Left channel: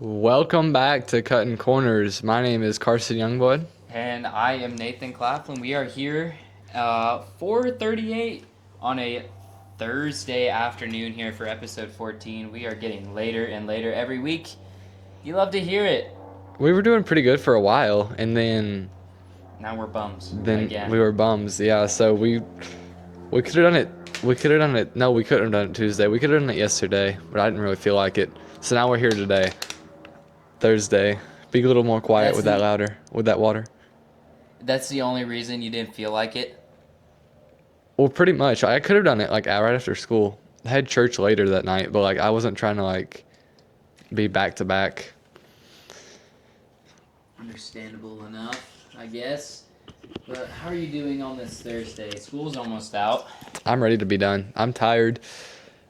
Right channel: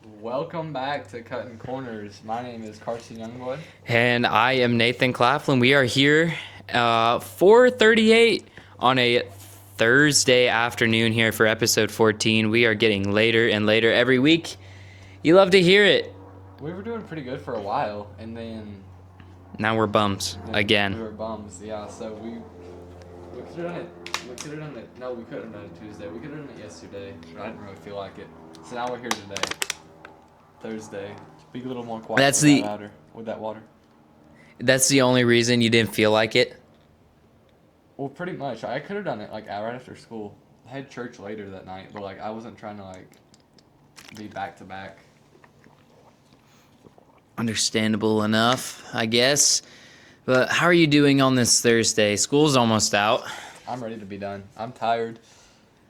Welcome back to Cuttin Corners. My name is Carson Youngblood. And I am Nathan Claflin. We are here 4:38 on a Thursday afternoon here for episode 14. We are getting later and later every week. You love to hear it. We were doing pretty good for a while, and then Now we're bums then again. we were bums. Yeah, so we could have done it. We could have done it. No, we couldn't have done it Tuesday. We could have done it yesterday, but I didn't really feel like it. So now we're here today, Thursday. Be a little more quiet That's with the- that louder, with that water. That's the only reason you didn't feel like it. Well, pretty much. I could have done it like right after school. I had church later that night, but like I wasn't trying to like be back to back. Understandable enough, I guess. But how are you doing on this Thursday? School's almost out. I'm ready to be done. I'm tired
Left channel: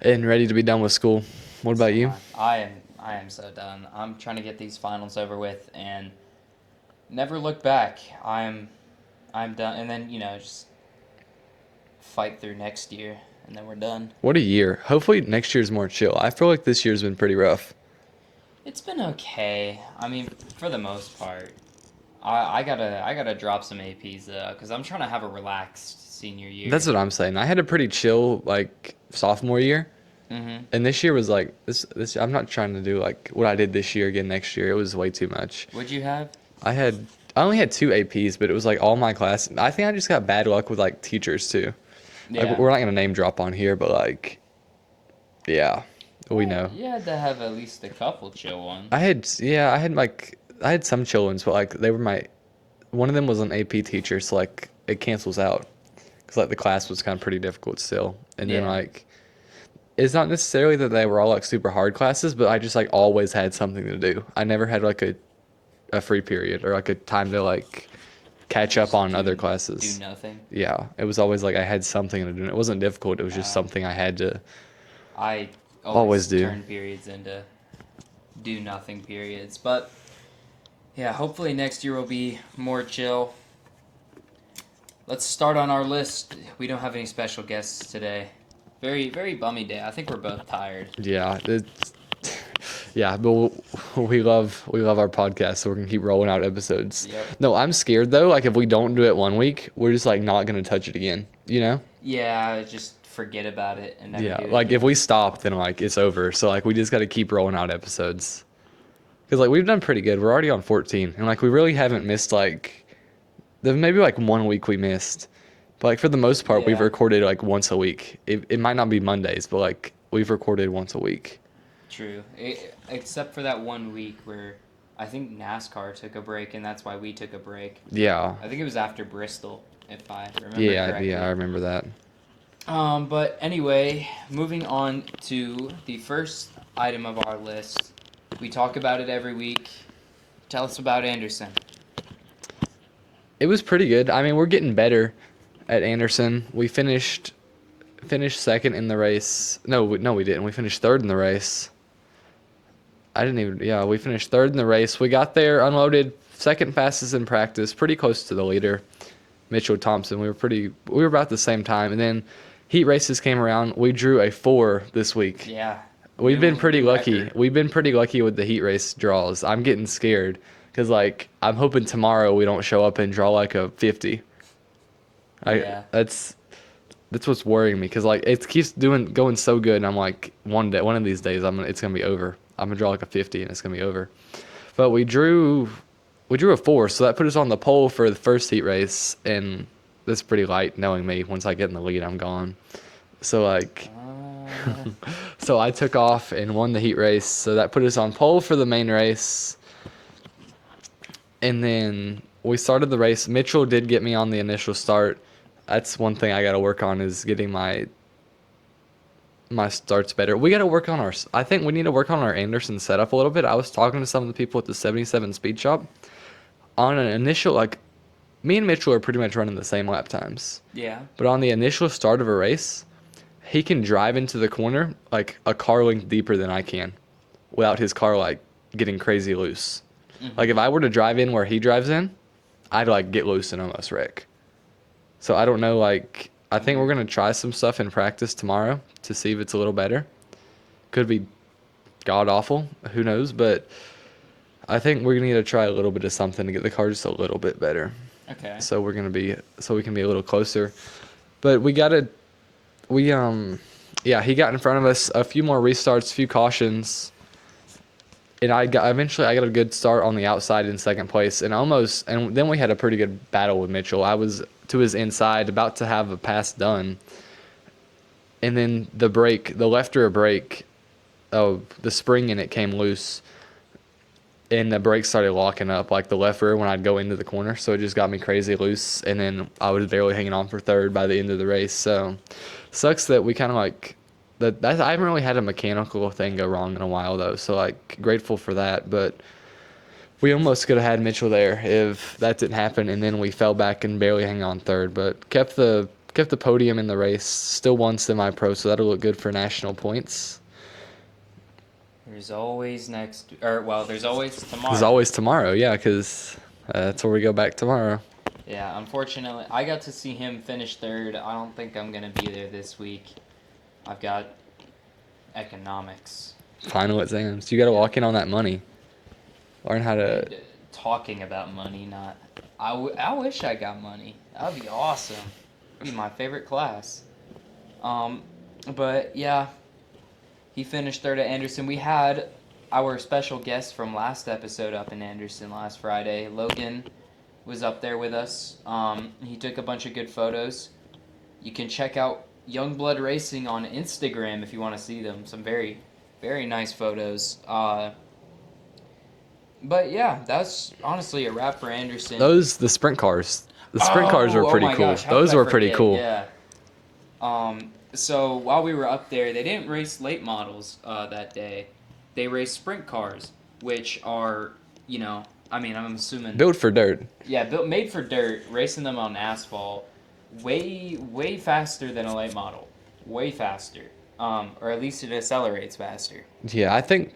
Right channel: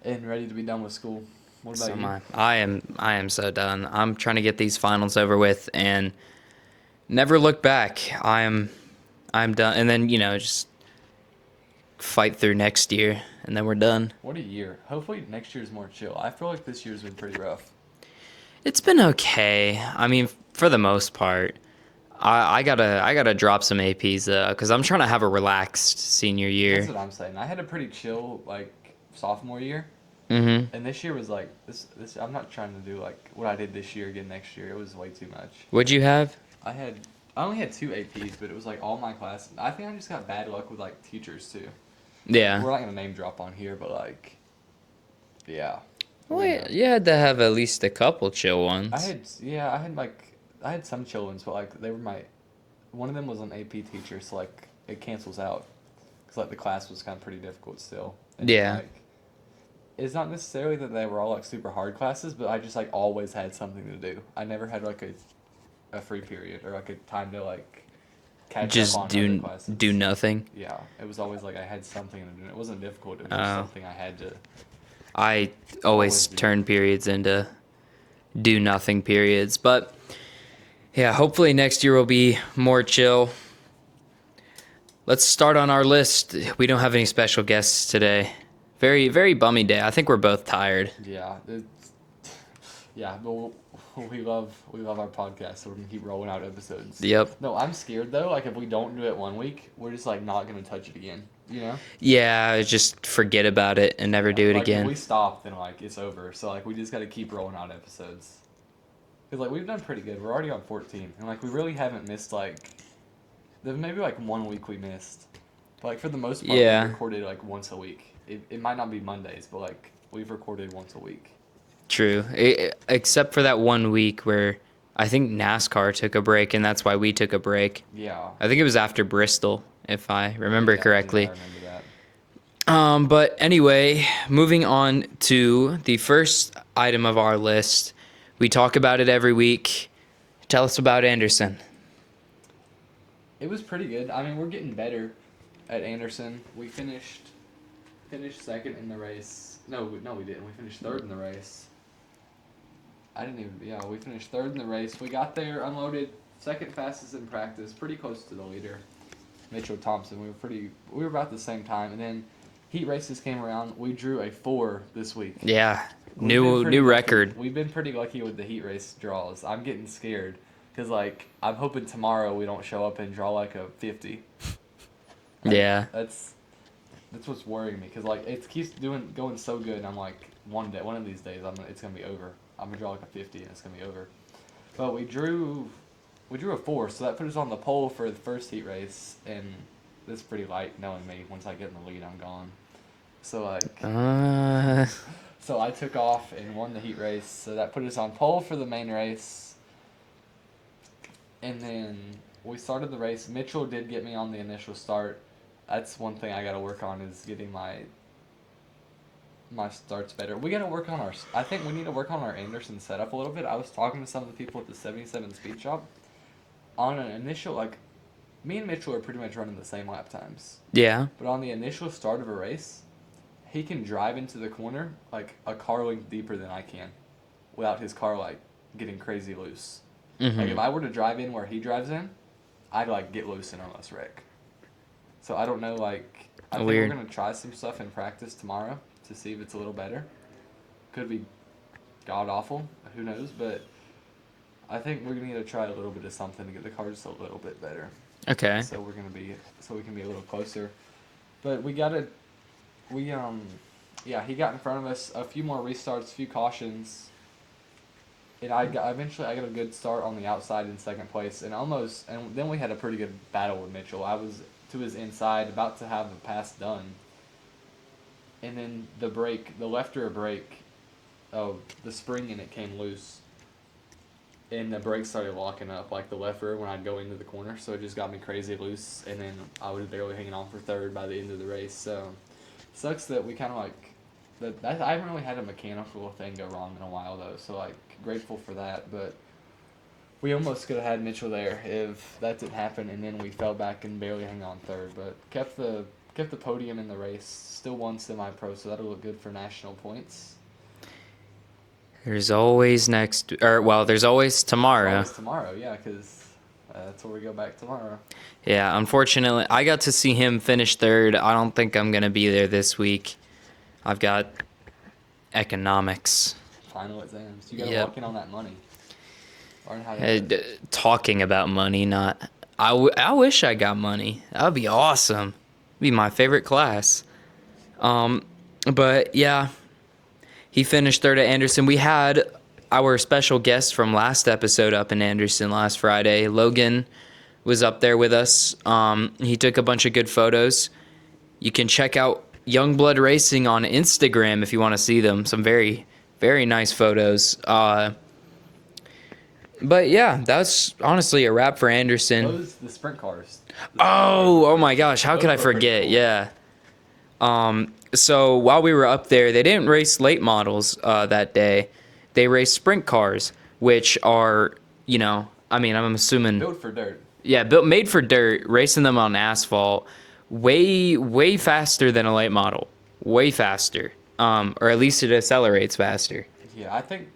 and ready to be done with school. What about you? I am so done. I'm trying to get these finals over with and never look back. I'm done, and then just fight through next year, and then we're done. What a year. Hopefully next year's more chill. I feel like this year's been pretty rough. It's been okay. I mean, for the most part. I gotta drop some APs because I'm trying to have a relaxed senior year. That's what I'm saying. I had a pretty chill like sophomore year. Mm-hmm. And this year was like this I'm not trying to do like what I did this year again next year. It was way too much. What'd you have? I only had 2 APs, but it was like all my class. I think I just got bad luck with like teachers too. Yeah. We're not going to name drop on here, but like yeah. We know. You had to have at least a couple chill ones. I had some chill ones, but like they were one of them was an AP teacher, so like it cancels out because like the class was kind of pretty difficult still, and then Yeah. like it's not necessarily that they were all like super hard classes, but I just like always had something to do. I never had like a free period or like a time to like catch Just up on other classes. Do nothing. Yeah, it was always like I had something to do. It wasn't difficult. It was just something I had to. I Always always do. turn periods into do nothing periods. But yeah, hopefully next year will be more chill. Let's start on our list. We don't have any special guests today. Very, very bummy day. I think we're both tired. Yeah, yeah, but we love our podcast, so we're gonna keep rolling out episodes. Yep. No, I'm scared though. Like if we don't do it one week, we're just like not gonna touch it again. You know? Yeah, just forget about it and never Yeah, do it like again. if we stop, then like it's over. So like we just gotta keep rolling out episodes. Cause like we've done pretty good. We're already on 14, and like we really haven't missed like. There's maybe like 1 week we missed, but like for the most part, Yeah. we've recorded like once a week. It might not be Mondays, but like we've recorded once a week. True. Except for that 1 week where I think NASCAR took a break, and that's why we took a break. Yeah. I think it was after Bristol, if I remember correctly. Yeah, I remember that. But anyway, moving on to the first item of our list. We talk about it every week. Tell us about Anderson. It was pretty good. I mean, we're getting better at Anderson. We finished second in the race. No, we didn't. We finished third in the race. Yeah, we finished third in the race. We got there, unloaded, second fastest in practice, pretty close to the leader, Mitchell Thompson. We were about the same time. And then heat races came around. We drew a 4 this week. Yeah. We've been pretty new lucky. record. We've been pretty lucky with the heat race draws. I'm getting scared because like I'm hoping tomorrow we don't show up and draw like a 50. Yeah. That's what's worrying me because like it keeps going so good, and I'm like one of these days it's gonna be over. I'm gonna draw like a 50 and it's gonna be over. But we drew a 4, so that put us on the pole for the first heat race, and that's pretty light knowing me. Once I get in the lead, I'm gone. So like. So I took off and won the heat race. So that put us on pole for the main race. And then we started the race. Mitchell did get me on the initial start. That's one thing I got to work on is getting my starts better. I think we need to work on our Anderson setup a little bit. I was talking to some of the people at the 77 Speed Shop. On an initial, like, me and Mitchell are pretty much running the same lap times. Yeah. But on the initial start of a race, he can drive into the corner like a car length deeper than I can without his car like getting crazy loose. Mm-hmm. Like if I were to drive in where he drives in, I'd like get loose and almost wreck. So I don't know, like I think we're Weird. gonna try some stuff in practice tomorrow to see if it's a little better. Could be god awful, who knows, but I think we're gonna need to try a little bit of something to get the car just a little bit better. Okay. So we can be a little closer. But we gotta, yeah, he got in front of us, a few more restarts, a few cautions, and eventually I got a good start on the outside in second place, and then we had a pretty good battle with Mitchell. I was to his inside, about to have a pass done, and then the left rear brake, the spring in it came loose, and the brakes started locking up, like the left rear when I'd go into the corner, so it just got me crazy loose, and then I was barely hanging on for third by the end of the race. So sucks that we kind of like that. I haven't really had a mechanical thing go wrong in a while though, so like grateful for that. But we almost could have had Mitchell there if that didn't happen, and then we fell back and barely hang on third, but kept the podium in the race. Still won semi-pro, so that'll look good for national points. There's always there's always tomorrow. There's always tomorrow, yeah, because that's where we go back tomorrow. Yeah, unfortunately, I got to see him finish third. I don't think I'm going to be there this week. I've got economics. Final exams. You got to Yeah. lock in on that money. Learn how to... Talking about money, not... I wish I got money. That would be awesome. It'd be my favorite class. But, yeah, he finished third at Anderson. We had our special guest from last episode up in Anderson last Friday. Logan was up there with us. He took a bunch of good photos. You can check out Youngblood Racing on Instagram if you want to see them. Some very, very nice photos. But yeah, that's honestly a wrap for Anderson. the sprint cars. The sprint cars were pretty cool. Oh my gosh, how Those could I were pretty forget? cool. Yeah. So while we were up there, they didn't race late models that day. They raced sprint cars, which are, I'm assuming Built for dirt. Yeah, made for dirt, racing them on asphalt, way faster than a late model, way faster. Or at least it accelerates faster. Yeah, I think...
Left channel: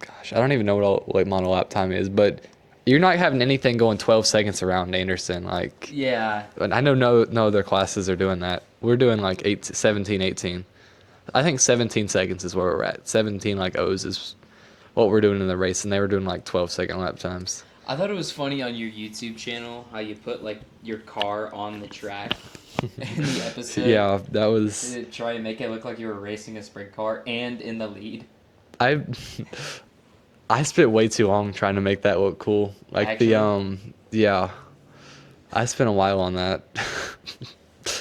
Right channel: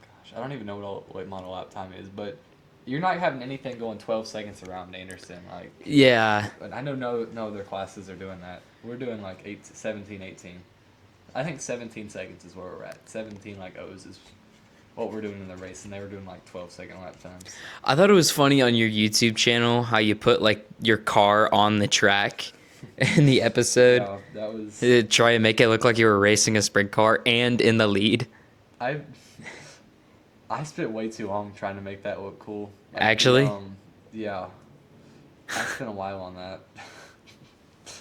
Gosh, I don't even know what a late model lap time is, but you're not having anything going 12 seconds around Anderson. Like, Yeah. I know no other classes are doing that. We're doing like 17, 18. I think 17 seconds is where we're at. 17 like O's is what we're doing in the race, and they were doing like 12-second lap times. I thought it was funny on your YouTube channel how you put like your car on the track in the episode. Yeah, that was... Try and make it look like you were racing a sprint car and in the lead. I spent way too long trying to make that look cool. Like Actually? Yeah. I spent a while on that.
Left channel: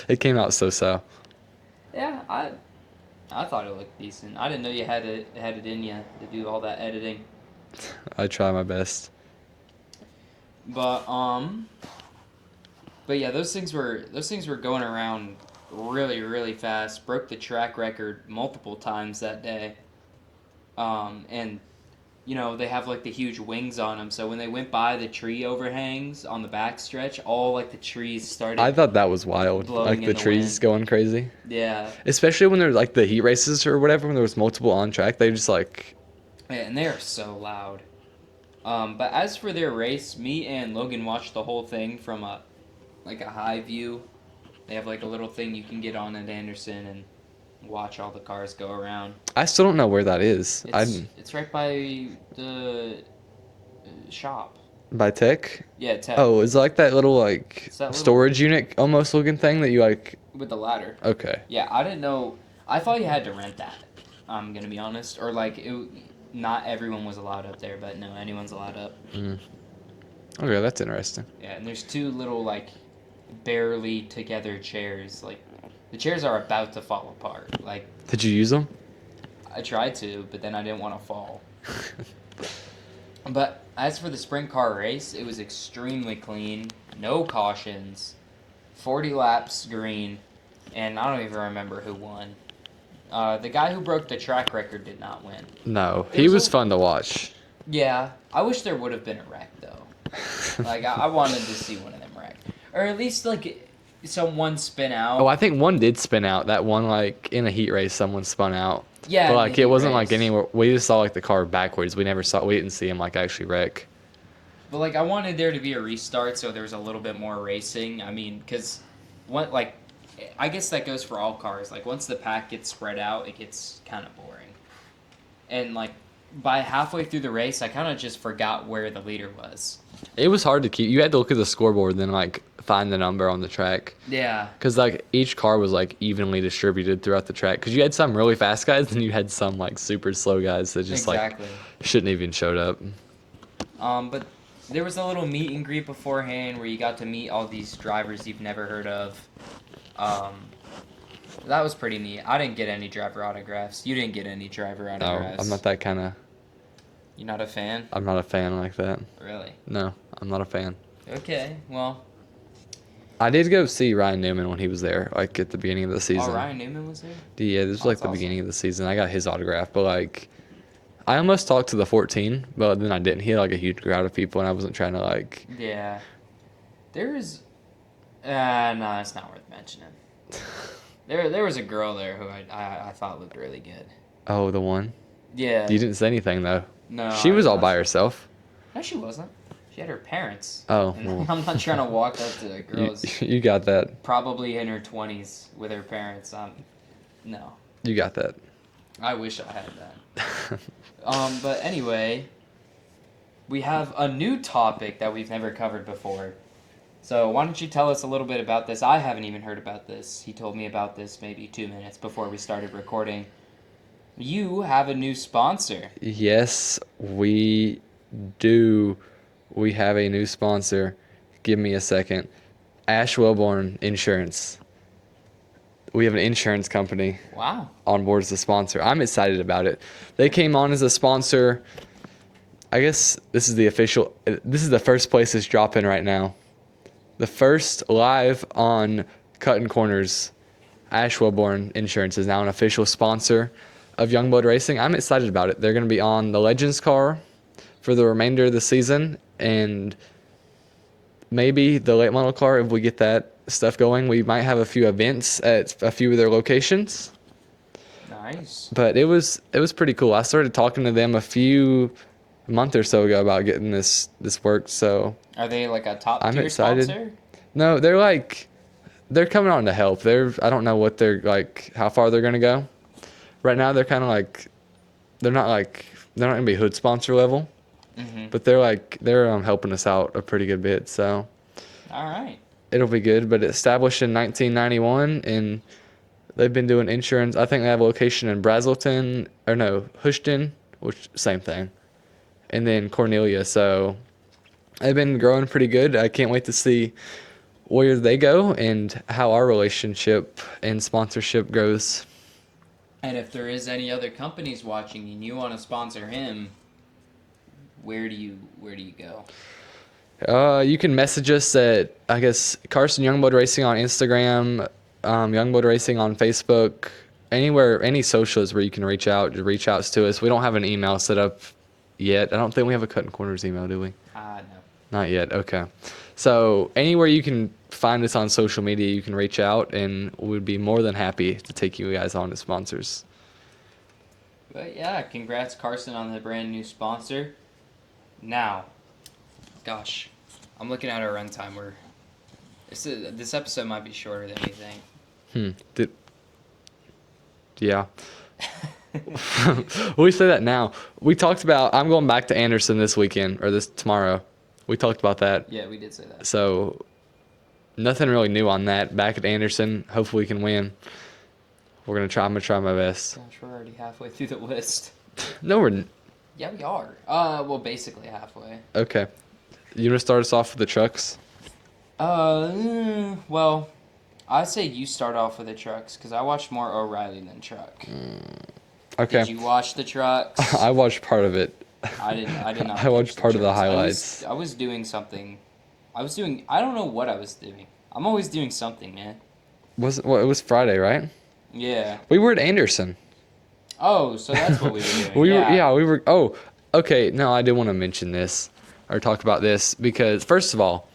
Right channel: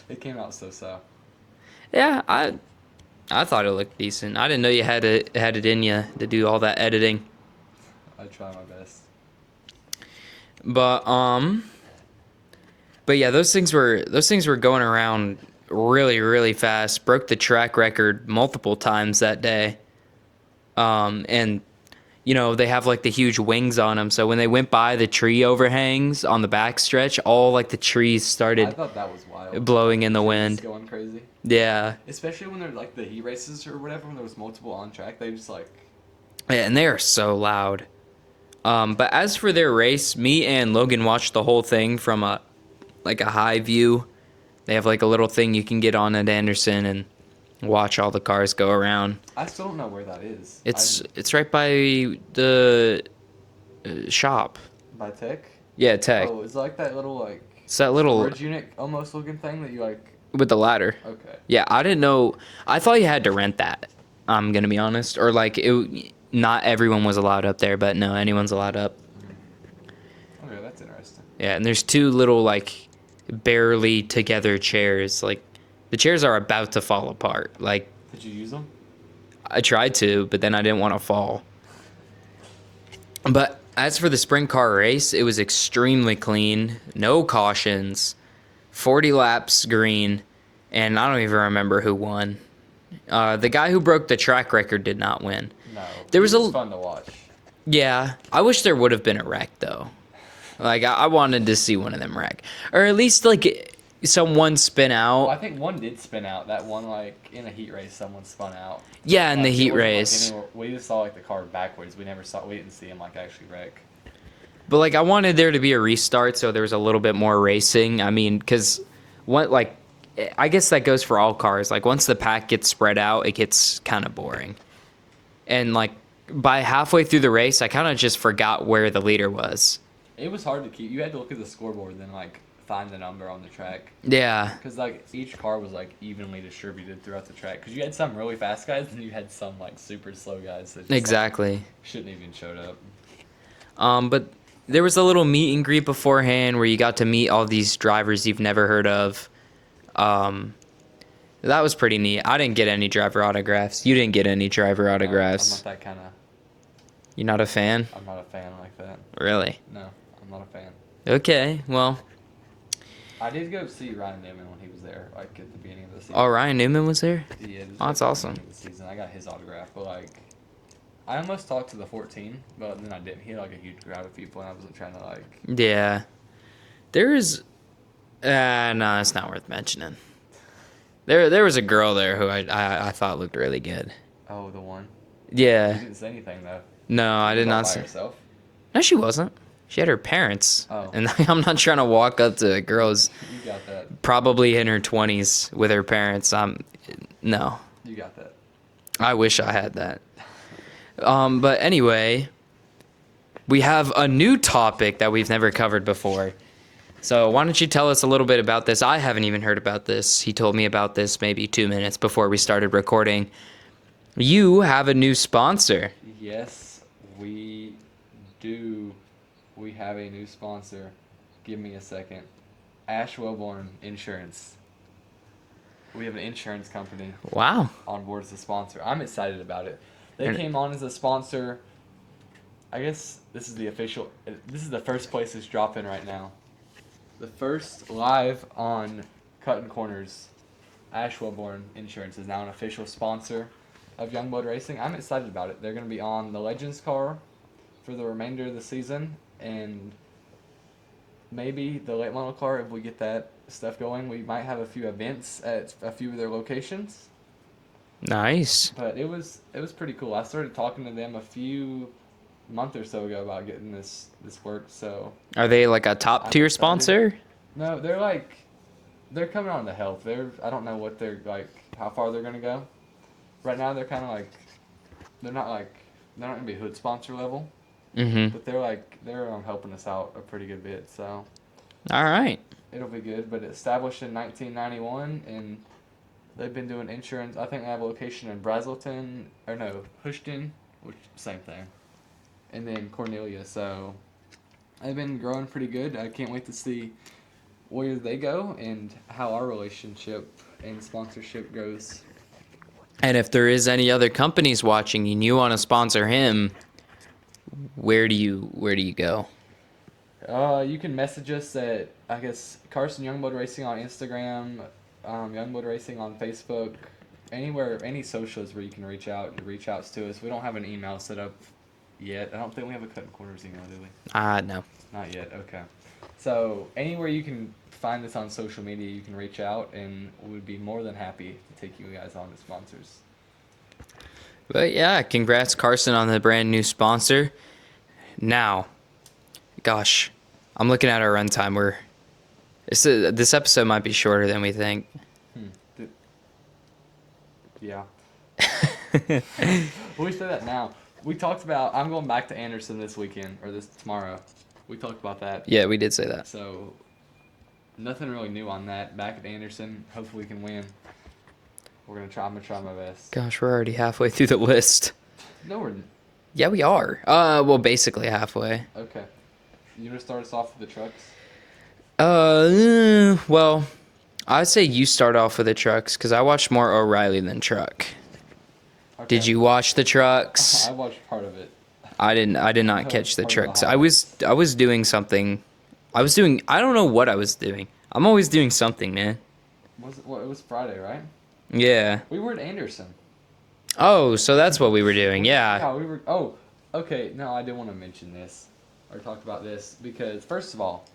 It came out so. Yeah, I thought it looked decent. I didn't know you had it in you to do all that editing. I try my best. But yeah, those things were going around really, really fast. Broke the track record multiple times that day. And they have like the huge wings on them, so when they went by the tree overhangs on the backstretch, all like the trees started. I thought that was wild. Blowing like, in the trees wind, going crazy. Yeah, especially when there's like the heat races or whatever, when there was multiple on track, they just like. Yeah, and they are so loud. But as for their race, me and Logan watched the whole thing from a high view. They have like a little thing you can get on at Anderson and watch all the cars go around. I still don't know where that is. It's right by the shop. By Tech? Yeah, Tech. Oh, it's like that little like It's that little storage unit almost looking thing that you like. with the ladder. Okay. Yeah, I didn't know. I thought you had to rent that. I'm gonna be honest, or like not everyone was allowed up there, but no, anyone's allowed up. Okay, that's interesting. Yeah, and there's two little like barely together chairs. Like the chairs are about to fall apart. Like Did you use them? I tried to, but then I didn't want to fall. But as for the sprint car race, it was extremely clean. No cautions. 40 laps green. And I don't even remember who won. The guy who broke the track record did not win. No. There He was was a- fun to watch. Yeah, I wish there would have been a wreck, though. Like, I wanted to see one of them wreck. Or at least, like, someone spin out. Oh, I think one did spin out. That one, like, in a heat race, someone spun out. Yeah, But, in like, the heat it wasn't race. like anywhere. We just saw like the car backwards. We didn't see him like actually wreck. But, like, I wanted there to be a restart so there was a little bit more racing. I mean, because, I guess that goes for all cars. Like, once the pack gets spread out, it gets kind of boring. And, like, by halfway through the race, I kind of just forgot where the leader was. It was hard to keep. You had to look at the scoreboard and then like find the number on the track. Yeah. Because like each car was like evenly distributed throughout the track. Because you had some really fast guys and you had some like super slow guys that just Exactly. like, shouldn't even showed up. But there was a little meet and greet beforehand where you got to meet all these drivers you've never heard of. That was pretty neat. I didn't get any driver autographs. You didn't get any driver autographs. I'm not that kind of. You're not a fan? I'm not a fan like that. Really? No, I'm not a fan. Okay, well. I did go see Ryan Newman when he was there, like at the beginning of the season. Oh, Ryan Newman was there? Yeah, this was Oh, like that's the awesome. beginning of the season. I got his autograph, but like, I almost talked to the 14, but then I didn't. He had like a huge crowd of people, and I wasn't trying to like. Yeah. There's... no, it's not worth mentioning. There was a girl there who I thought looked really good. Oh, the one. Yeah. You didn't say anything though. No, She I was did all not by say- herself. No, she wasn't. She had her parents. Oh. And I'm not trying to walk up to a girl who's You got that. probably in her 20s with her parents. No. You got that. I wish I had that. But anyway, we have a new topic that we've never covered before. So why don't you tell us a little bit about this? I haven't even heard about this. He told me about this maybe 2 minutes before we started recording. You have a new sponsor. Yes, we do. We have a new sponsor. Give me a second. Ash Wellborn Insurance. We have an insurance company Wow. on board as a sponsor. I'm excited about it. They came on as a sponsor. I guess this is the first place it's dropping right now. The first live on Cuttin Corners. Ash Wellborn Insurance is now an official sponsor of Youngblood Racing. I'm excited about it. They're going to be on the Legends car for the remainder of the season, and maybe the late model car if we get that stuff going. We might have a few events at a few of their locations. Nice. But it was pretty cool. I started talking to them a month or so ago about getting this work. So Are they like a top I'm tier excited. sponsor? no, they're coming on to help. I don't know what they're like, how far they're gonna go. Right now they're kind of like, they're not gonna be hood sponsor level, Mm-hmm. but they're helping us out a pretty good bit. So All right. it'll be good. But established in 1991, and they've been doing insurance. I think they have a location in Brazelton, or no, Houston, which same thing, and then Cornelia. So they've been growing pretty good. I can't wait to see where they go and how our relationship and sponsorship grows. And if there is any other companies watching and you want to sponsor him, where do you go? You can message us at, I guess, Carson Youngblood Racing on Instagram, Youngblood Racing on Facebook, anywhere, any socials where you can reach out to us. We don't have an email set up yet. I don't think we have a Cuttin Corners email, do we? No. Not yet. Okay. So anywhere you can find us on social media, you can reach out, and we'd be more than happy to take you guys on as sponsors. But yeah, congrats Carson on the brand new sponsor. Now, gosh, I'm looking at our runtime. This episode might be shorter than we think. Yeah. We say that now. We talked about, I'm going back to Anderson this weekend, or tomorrow. We talked about that. Yeah, we did say that. So nothing really new on that. Back at Anderson, hopefully we can win. I'm gonna try my best. Gosh, we're already halfway through the list. No, we're Yeah, we are. Well, basically halfway. okay. You wanna start us off with the trucks? Well, I'd say you start off with the trucks because I watched more O'Reilly than truck. Okay. Did you watch the trucks? I watched part of it. I did not I catch watched the part of the trucks. highlights. I was doing something. I don't know what I was doing. I'm always doing something, man. It was Friday, right? Yeah. We were at Anderson. Oh, so that's what we were doing. We were. Oh, okay. No, I did want to mention this or talk about this because first of all,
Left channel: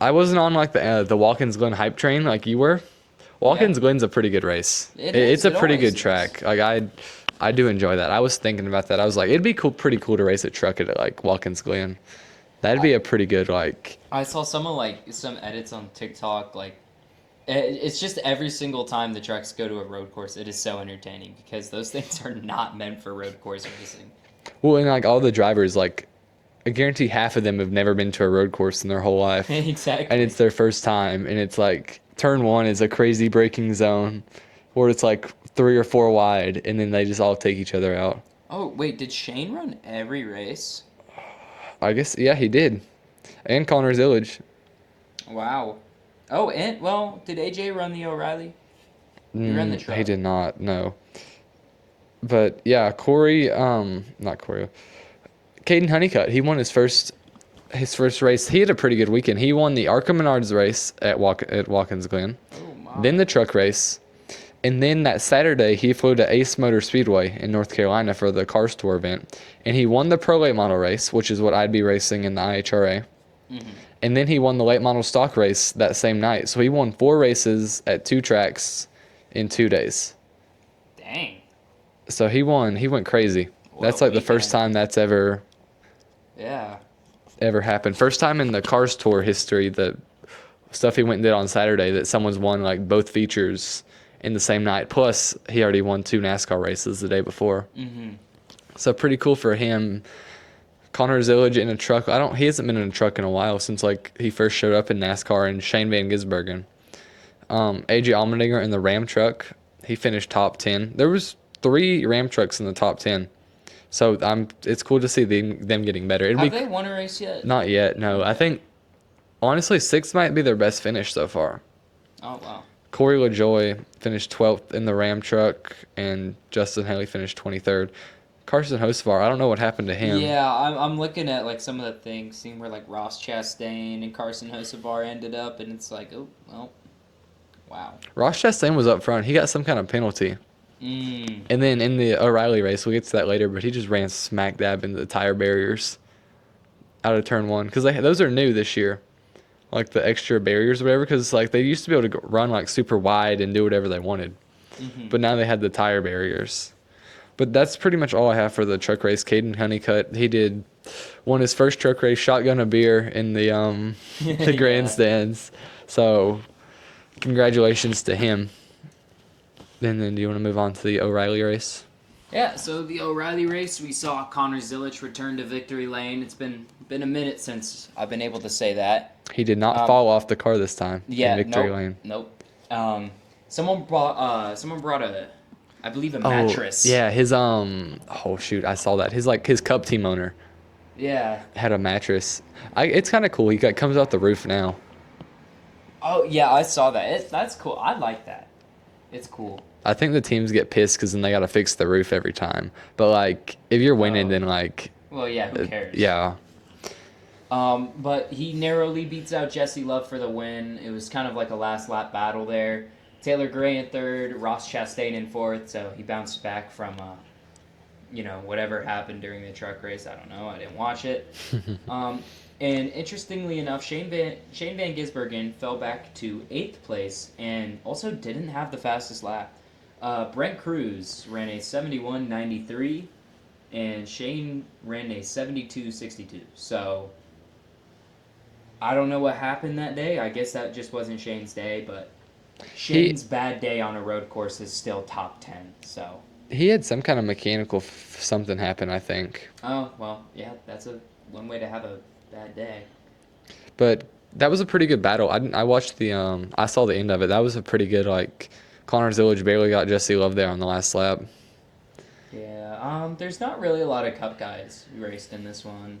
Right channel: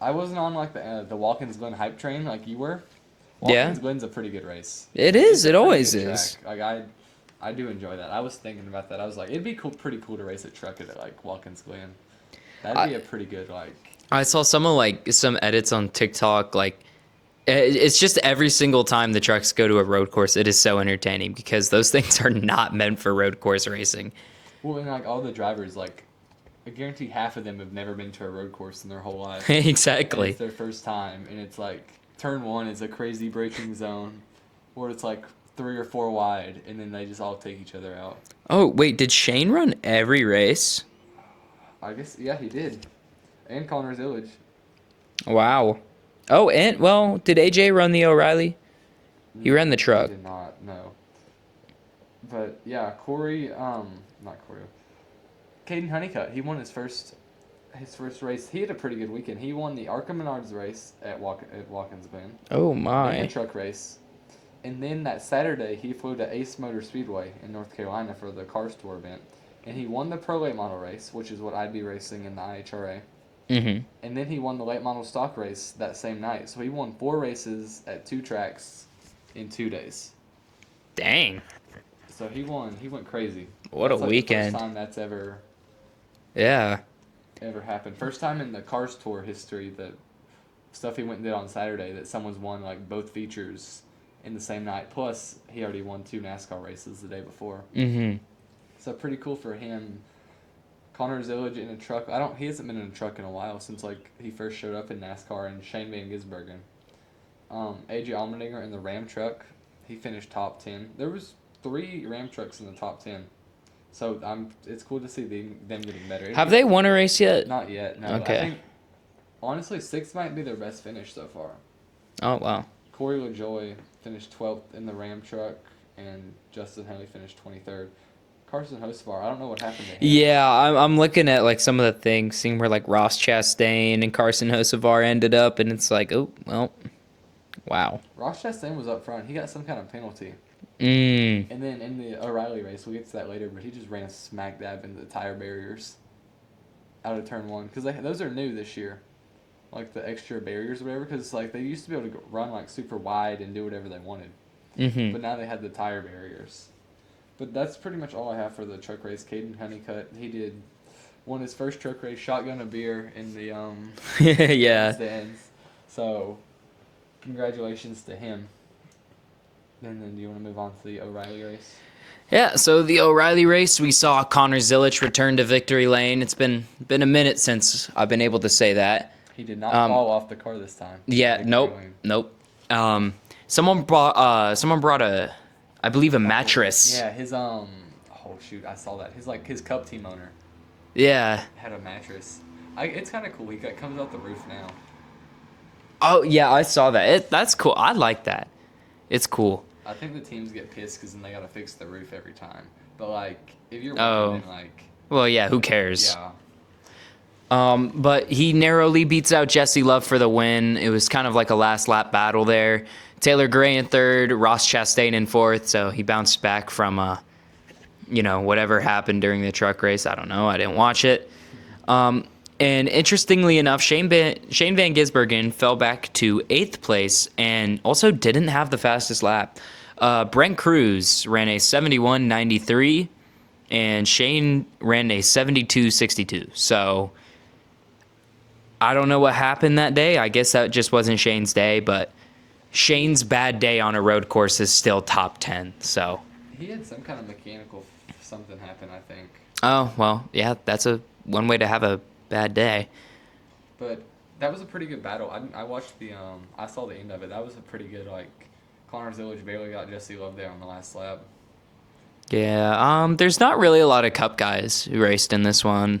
I wasn't on like the Watkins Glen hype train like you were. Watkins Glen's a pretty good race. It is. It's a It pretty always good is. track. Like I do enjoy that. I was thinking about that. I was like, it'd be pretty cool to race a truck at like Watkins Glen. That'd be a pretty good like. I saw some edits on TikTok. Like, It's just every single time the trucks go to a road course, it is so entertaining because those things are not meant for road course racing. Well, and like all the drivers, like I guarantee half of them have never been to a road course in their whole life. And Exactly. it's their first time. And it's like turn one is a crazy braking zone where it's like 3 or 4 wide. And then they just all take each other out. Oh, wait, did Shane run every race? I guess, yeah, he did. And Connors Village. Wow. Oh, and, well, did AJ run the O'Reilly? He ran the truck. He did not, no. But yeah, not Corey. Caden Honeycutt, he won his first race. He had a pretty good weekend. He won the Arca Menards race at Watkins Glen. Oh, my. Then the truck race. And then that Saturday, he flew to Ace Motor Speedway in North Carolina for the Cars Tour event. And he won the Pro Late Model race, which is what I'd be racing in the IHRA. Mm-hmm. And then he won the Late Model Stock race that same night. So he won 4 races at 2 tracks in 2 days. Dang. So he went crazy. What That's a like the first weekend. time that's ever happened. First time in the Cars Tour history, the stuff he went and did on Saturday, that someone's won like both features in the same night. Plus, he already won 2 NASCAR races the day before. Mm-hmm. So pretty cool for him. Connor Zillage in a truck. He hasn't been in a truck in a while since like he first showed up in NASCAR, and Shane Van Gisbergen. AJ Allmendinger in the Ram truck. He finished top 10. There was 3 Ram trucks in the top 10. So it's cool to see them getting better. Have they won a race yet? Not yet, no. Okay. I think, honestly, 6th might be their best finish so far. Oh, wow. Corey LaJoy finished 12th in the Ram truck, and Justin Haley finished 23rd. Carson Hocevar, I don't know what happened to him. Yeah, I'm looking at like some of the things, seeing where like Ross Chastain and Carson Hocevar ended up, and it's like, oh, well, wow. Ross Chastain was up front. He got some kind of penalty. And then in the O'Reilly race, we'll get to that later, but he just ran smack dab into the tire barriers out of turn 1. Because those are new this year. Like the extra barriers or whatever, because like they used to be able to run like super wide and do whatever they wanted. Mm-hmm. But now they had the tire barriers. But that's pretty much all I have for the truck race. Caden Honeycutt, he won his first truck race, shotgun a beer in the the grandstands. So congratulations to him. And then do you want to move on to the O'Reilly race? Yeah, so the O'Reilly race, we saw Connor Zillage return to victory lane. It's been a minute since I've been able to say that. He did not fall off the car this time. Yeah, in victory lane. nope. Someone brought I believe a mattress. Yeah, his oh shoot, I saw that. His Cup team owner Yeah. had a mattress. It's kind of cool. He comes out the roof now. Oh yeah, I saw that. That's cool. I like that. It's cool. I think the teams get pissed because then they got to fix the roof every time. But like, if you're winning, Oh. then like, Well, yeah, who cares? yeah, But he narrowly beats out Jesse Love for the win. It was kind of like a last lap battle there. Taylor Gray in 3rd, Ross Chastain in 4th. So he bounced back from, whatever happened during the truck race. I don't know. I didn't watch it. And interestingly enough, Shane Van Gisbergen fell back to 8th place and also didn't have the fastest lap. Brent Cruz ran a 71.93, and Shane ran a 72.62. So I don't know what happened that day. I guess that just wasn't Shane's day, but Shane's bad day on a road course is still top 10. So he had some kind of mechanical something happen, I think. oh well, yeah, that's one way to have a bad day. But that was a pretty good battle. I watched I saw the end of it. That was a pretty good, like, Connor Zillage barely got Jesse Love there on the last lap. Yeah, there's not really a lot of Cup guys who raced in this one,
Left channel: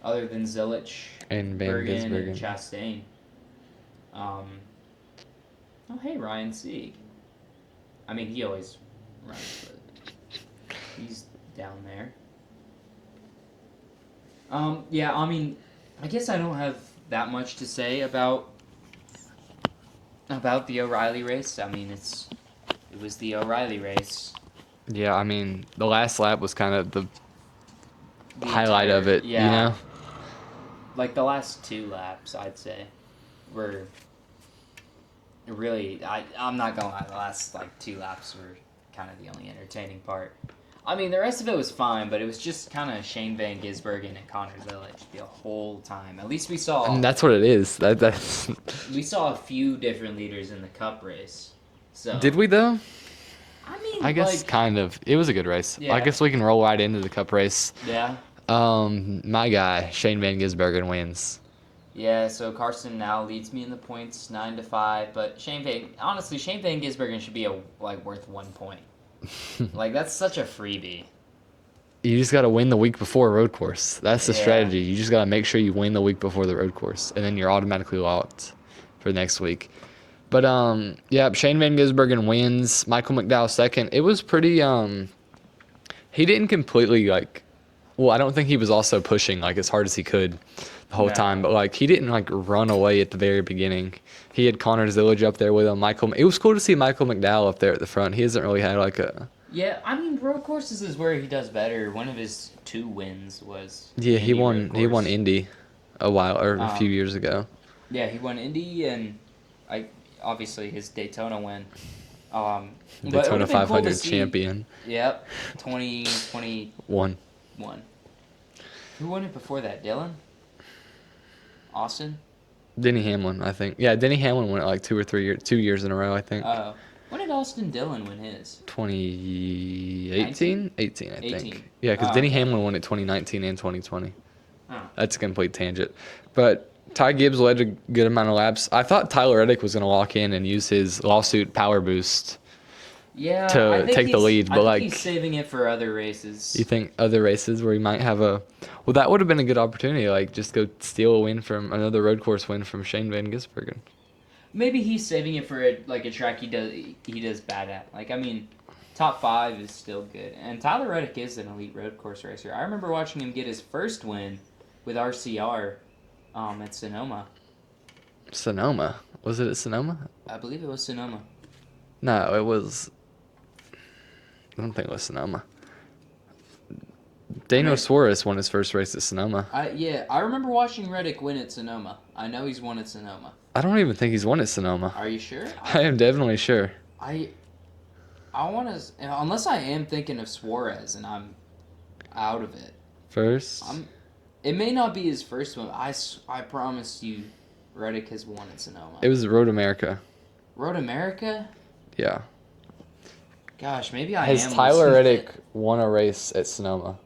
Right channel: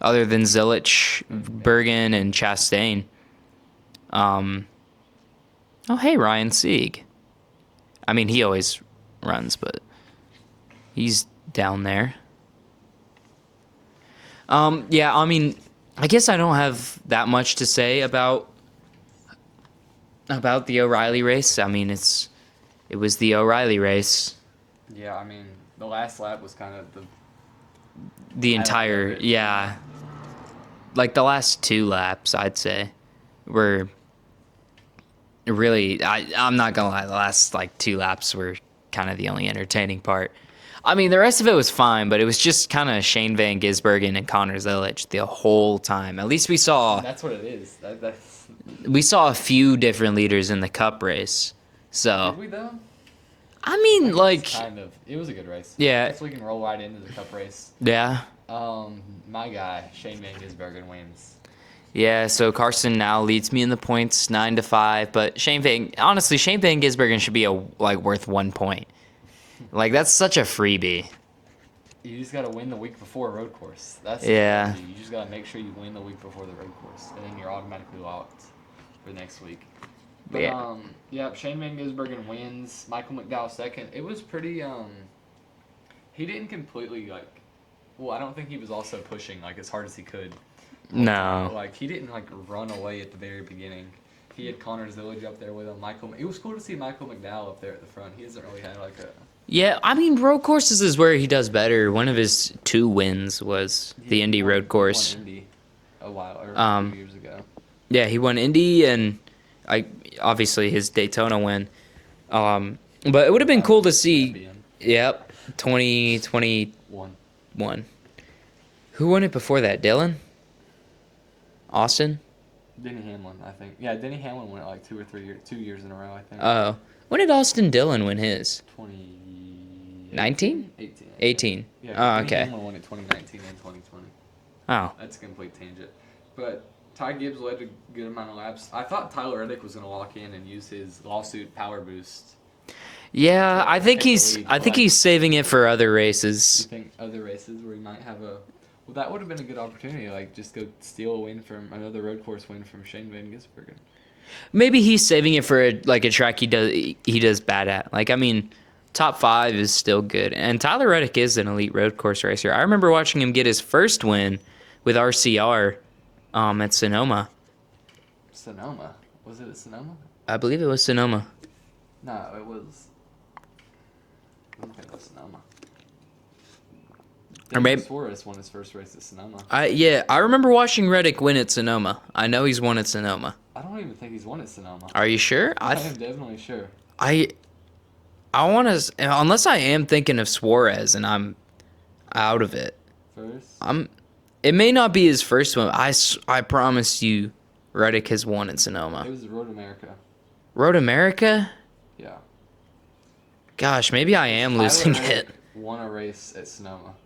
other than Zillage, And Bergen, and Gisbergen. Chastain. Oh, hey, Ryan Sieg. I mean, he always runs, but he's down there. Yeah, I mean, I guess I don't have that much to say about the O'Reilly race. I mean, it was the O'Reilly race. Yeah, I mean, the last lap was kind of the highlight entire of it. yeah. You know? Like the last 2 laps, I'd say, were really. I'm not gonna lie. The last like 2 laps were kind of the only entertaining part. I mean, the rest of it was fine, but it was just kind of Shane Van Gisbergen and Connors Illich the whole time. At least we I saw mean, that's what it is. That's. a few different leaders in the Cup race. So Did we though? I mean, I guess kind of. It was a good race. Yeah. I guess we can roll right into the Cup race. yeah. My guy Shane Van Gisbergen wins. Yeah, so Carson now leads me in the points 9-5, but Shane Van Gisbergen should be worth 1 point. Like that's such a freebie. You just got to win the week before a road course. That's the Yeah. strategy. You just got to make sure you win the week before the road course, and then you're automatically locked for next week. But Yeah. Shane Van Gisbergen wins. Michael McDowell second. It was pretty. He didn't completely Well, I don't think he was also pushing as hard as he could the whole time, No. but he didn't run away at the very beginning. He had Connors Illich up there with him. It was cool to see Michael McDowell up there at the front. He hasn't really had a. Yeah, I mean, road courses is where he does better. One of his 2 wins was the Indy road course. He won Indy a few years ago. Yeah, he won Indy and obviously his Daytona win. But it Daytona would have been cool to 500 see. Champion. Yep, 2021. One. Who won it before that? Dylan? Austin? Denny Hamlin, I think. Yeah, Denny Hamlin won it 2 years in a row, I think. Oh. When did Austin Dillon win his? 2018? 19? 18, I think. 18. Yeah, because Denny okay. Hamlin won it 2019 and 2020. Oh. That's a complete tangent. But Ty Gibbs led a good amount of laps. I thought Tyler Reddick was going to lock in and use his lawsuit power boost. Yeah, To I think take the lead, I but, think he's saving it for other races. You think other races where he might have a... Well, that would have been a good opportunity. Just go steal a win from another road course win from Shane Van Gisbergen. Maybe he's saving it for a track he does bad at. I mean, top 5 is still good. And Tyler Reddick is an elite road course racer. I remember watching him get his first win with RCR at Sonoma. Sonoma. Was it at Sonoma? I believe it was Sonoma. No, it was... I don't think it was Sonoma. Daniel Suarez won his first race at Sonoma. I remember watching Reddick win at Sonoma. I know he's won at Sonoma. I don't even think he's won at Sonoma. Are you sure? I am definitely sure. I want to, unless I am thinking of Suarez and I'm out of it. First? It may not be his first one. I promise you, Reddick has won at Sonoma. It was Road America. Road America? Yeah. Gosh, maybe I am Tyler losing Reddick it. won a race at Sonoma.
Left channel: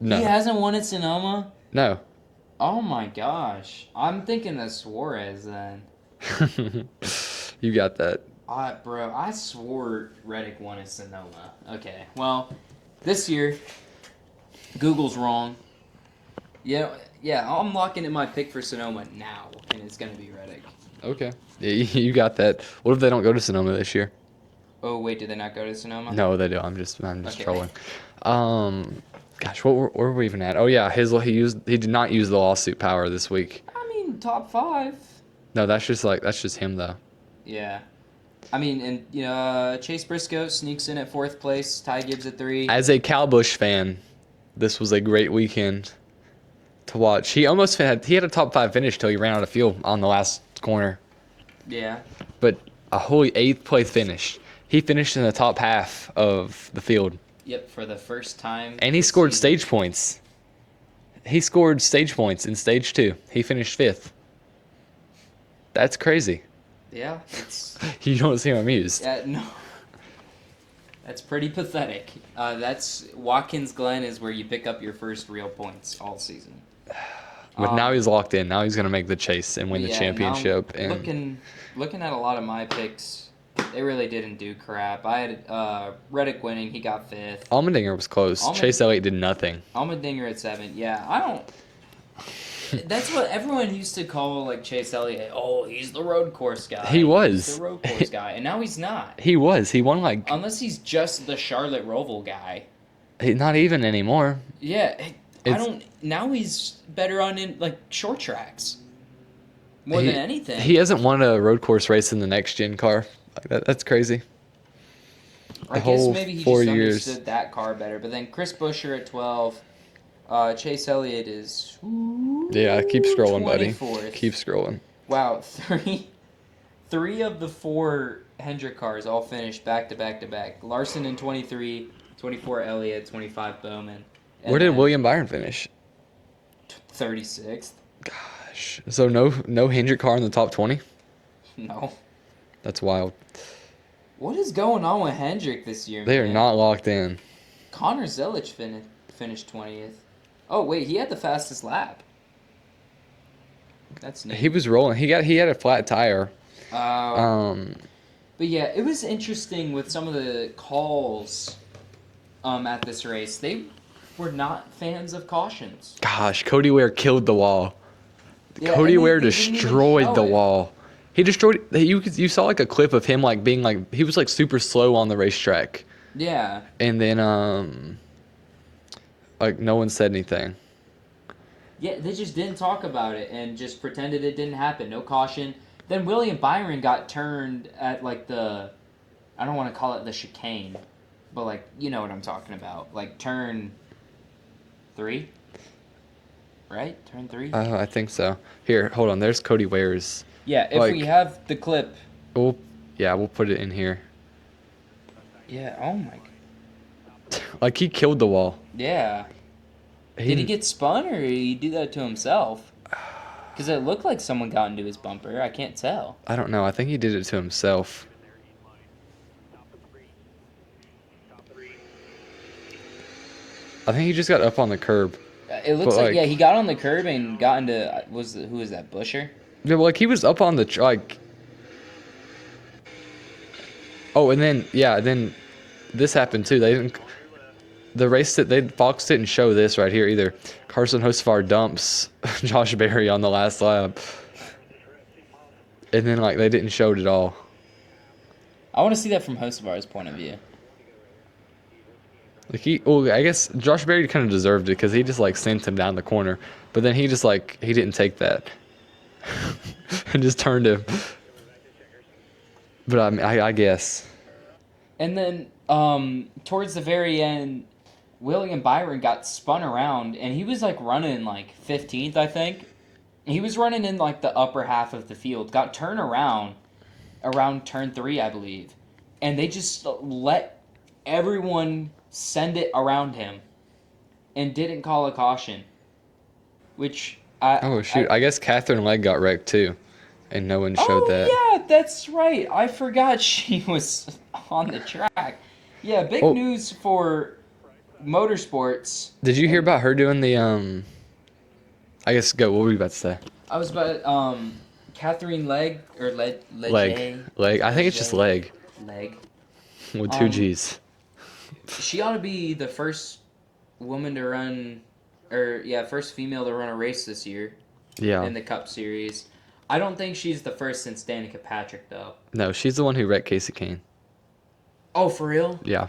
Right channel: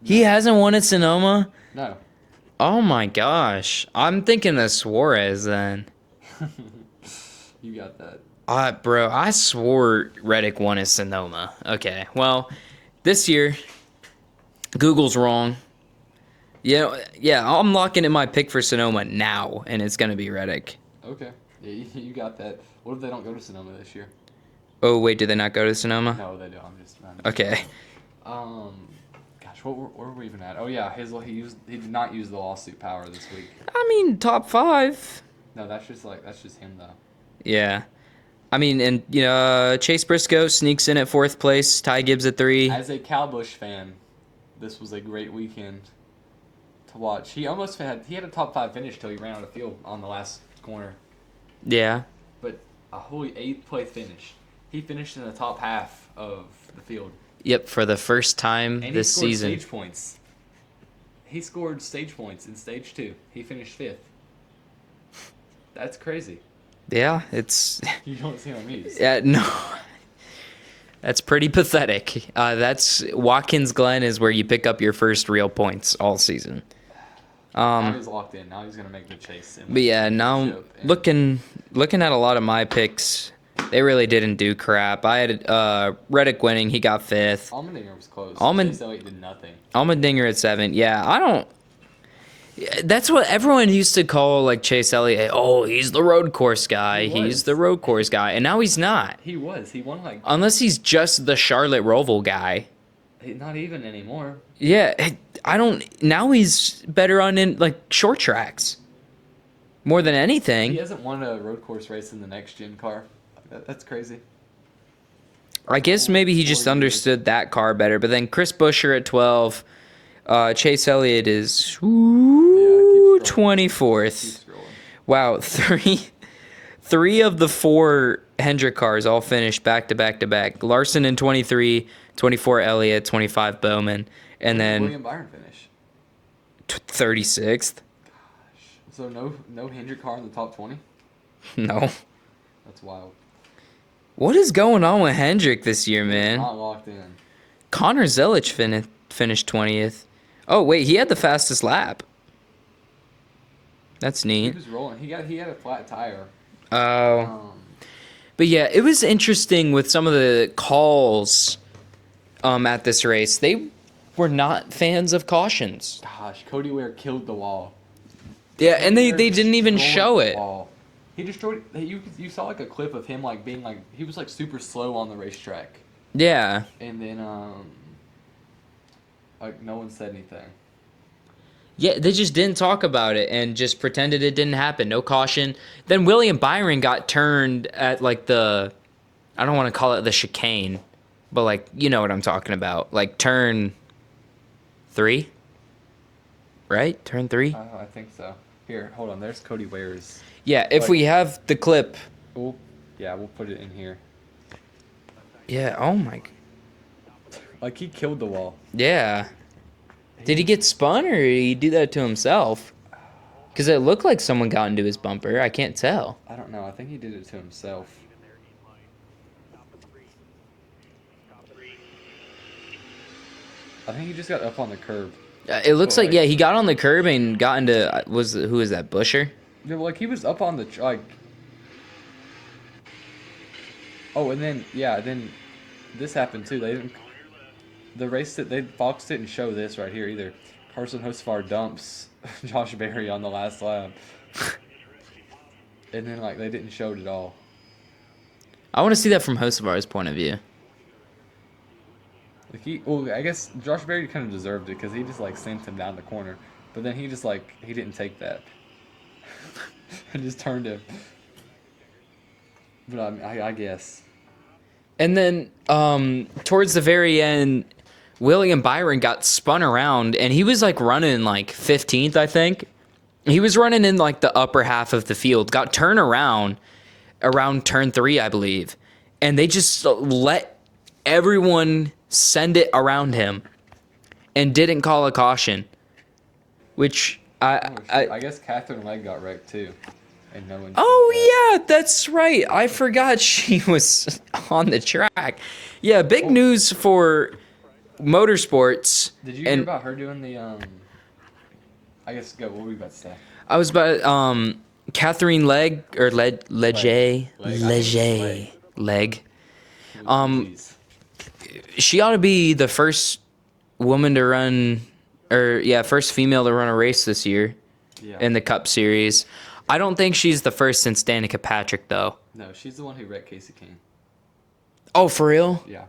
No. He hasn't won at Sonoma? No. Oh my gosh. I'm thinking of Suarez then. You got that. Bro, I swore Reddick won at Sonoma. Okay, well, this year, Google's wrong. Yeah, I'm locking in my pick for Sonoma now, and it's going to be Reddick. Okay. Yeah, you got that. What if they don't go to Sonoma this year? Oh, wait, did they not go to Sonoma? No, they do. I'm just Okay. trolling. Gosh, where were we even at? Oh yeah, he did not use the lawsuit power this week. I mean, top 5. No, that's just him though. Yeah. I mean, and, Chase Briscoe sneaks in at 4th place, Ty Gibbs at 3. As a Cowbush fan, this was a great weekend to watch. He had a top 5 finish till he ran out of fuel on the last corner. Yeah. But a holy 8th place finish. He finished in the top half of the field. Yep, for the first time And he this scored season. stage points. He scored stage points in stage 2. He finished 5th. That's crazy. Yeah, it's... You don't seem amused. Yeah, no. That's pretty pathetic. That's Watkins Glen is where you pick up your first real points all season. But now he's locked in. Now he's going to make the chase and win the championship. Now, looking at a lot of my picks, they really didn't do crap. I had Reddick winning. He got 5th. Allmendinger was close. Chase Elliott did nothing. Allmendinger at 7. Yeah, I don't... That's what everyone used to call Chase Elliott. Oh, he's the road course guy. He was. He's the road course guy. And now he's not. He was. He won Unless he's just the Charlotte Roval guy. not even anymore. Yeah, I don't... Now he's better on short tracks. More than anything. He hasn't won a road course race in the next gen car. That's crazy. I guess maybe he just understood that car better. But then Chris Buescher at 12. Chase Elliott is keep scrolling. 24th. Keep scrolling. Wow, 3 of the 4 Hendrick cars all finished back to back to back. Larson in 23, 24 Elliott, 25 Bowman, and Where then did William Byron finish? 36th. So no Hendrick car in the top 20? No. That's wild. What is going on with Hendrick this year, They're man? not locked in. Connor Zelich finished 20th. Oh, wait, he had the fastest lap. That's neat. He was rolling. He had a flat tire. Oh. But yeah, it was interesting with some of the calls at this race. They were not fans of cautions. Gosh, Cody Ware killed the wall. Yeah, Cody and Ware they didn't even destroyed show the it. wall. He destroyed. You saw like a clip of him like being like he was like super slow on the racetrack, Yeah. and then like no one said anything. Yeah, they just didn't talk about it and just pretended it didn't happen. No caution. Then William Byron got turned at like I don't want to call it the chicane, but like, you know what I'm talking about. Like turn 3? Right? Turn 3? I think so. Here, hold on. There's Cody Ware's. Yeah, if like- we have the clip. We'll put it in here. Yeah, oh my. Like he killed the wall. Yeah. Did he get spun or did he do that to himself? Because it looked like someone got into his bumper. I can't tell. I don't know. I think he did it to himself. I think he just got up on the curb. It looks But, like, yeah, he got on the curb and got into, who is that, Busher? Yeah, well, like he was up on the like. Oh, and then this happened too. They didn't. The race that Fox didn't show this right here either. Carson Hocevar dumps Josh Berry on the last lap, and then like they didn't show it at all. I want to see that from Hocevar's point of view. Like I guess Josh Berry kind of deserved it because he just like sent him down the corner, but then he just like he didn't take that and just turned him. But I guess. And then towards the very end, William Byron got spun around, and he was like running like 15th, I think. He was running in like the upper half of the field, got turned around turn 3, I believe. And they just let everyone send it around him and didn't call a caution. Which I guess Catherine Legg got wrecked too, and no one showed that. Yeah, that's right. I forgot she was on the track. Yeah, big news for motorsports. Did you hear about her doing the I guess go. What were you about to say? I was about Catherine Legg or Legge. Leg. I think it's just leg. Leg. With 2 G's. She ought to be the first woman to run, first female to run a race this year. Yeah. In the Cup Series. I don't think she's the first since Danica Patrick, though. No, she's the one who wrecked Casey Kane. Oh, for real? Yeah.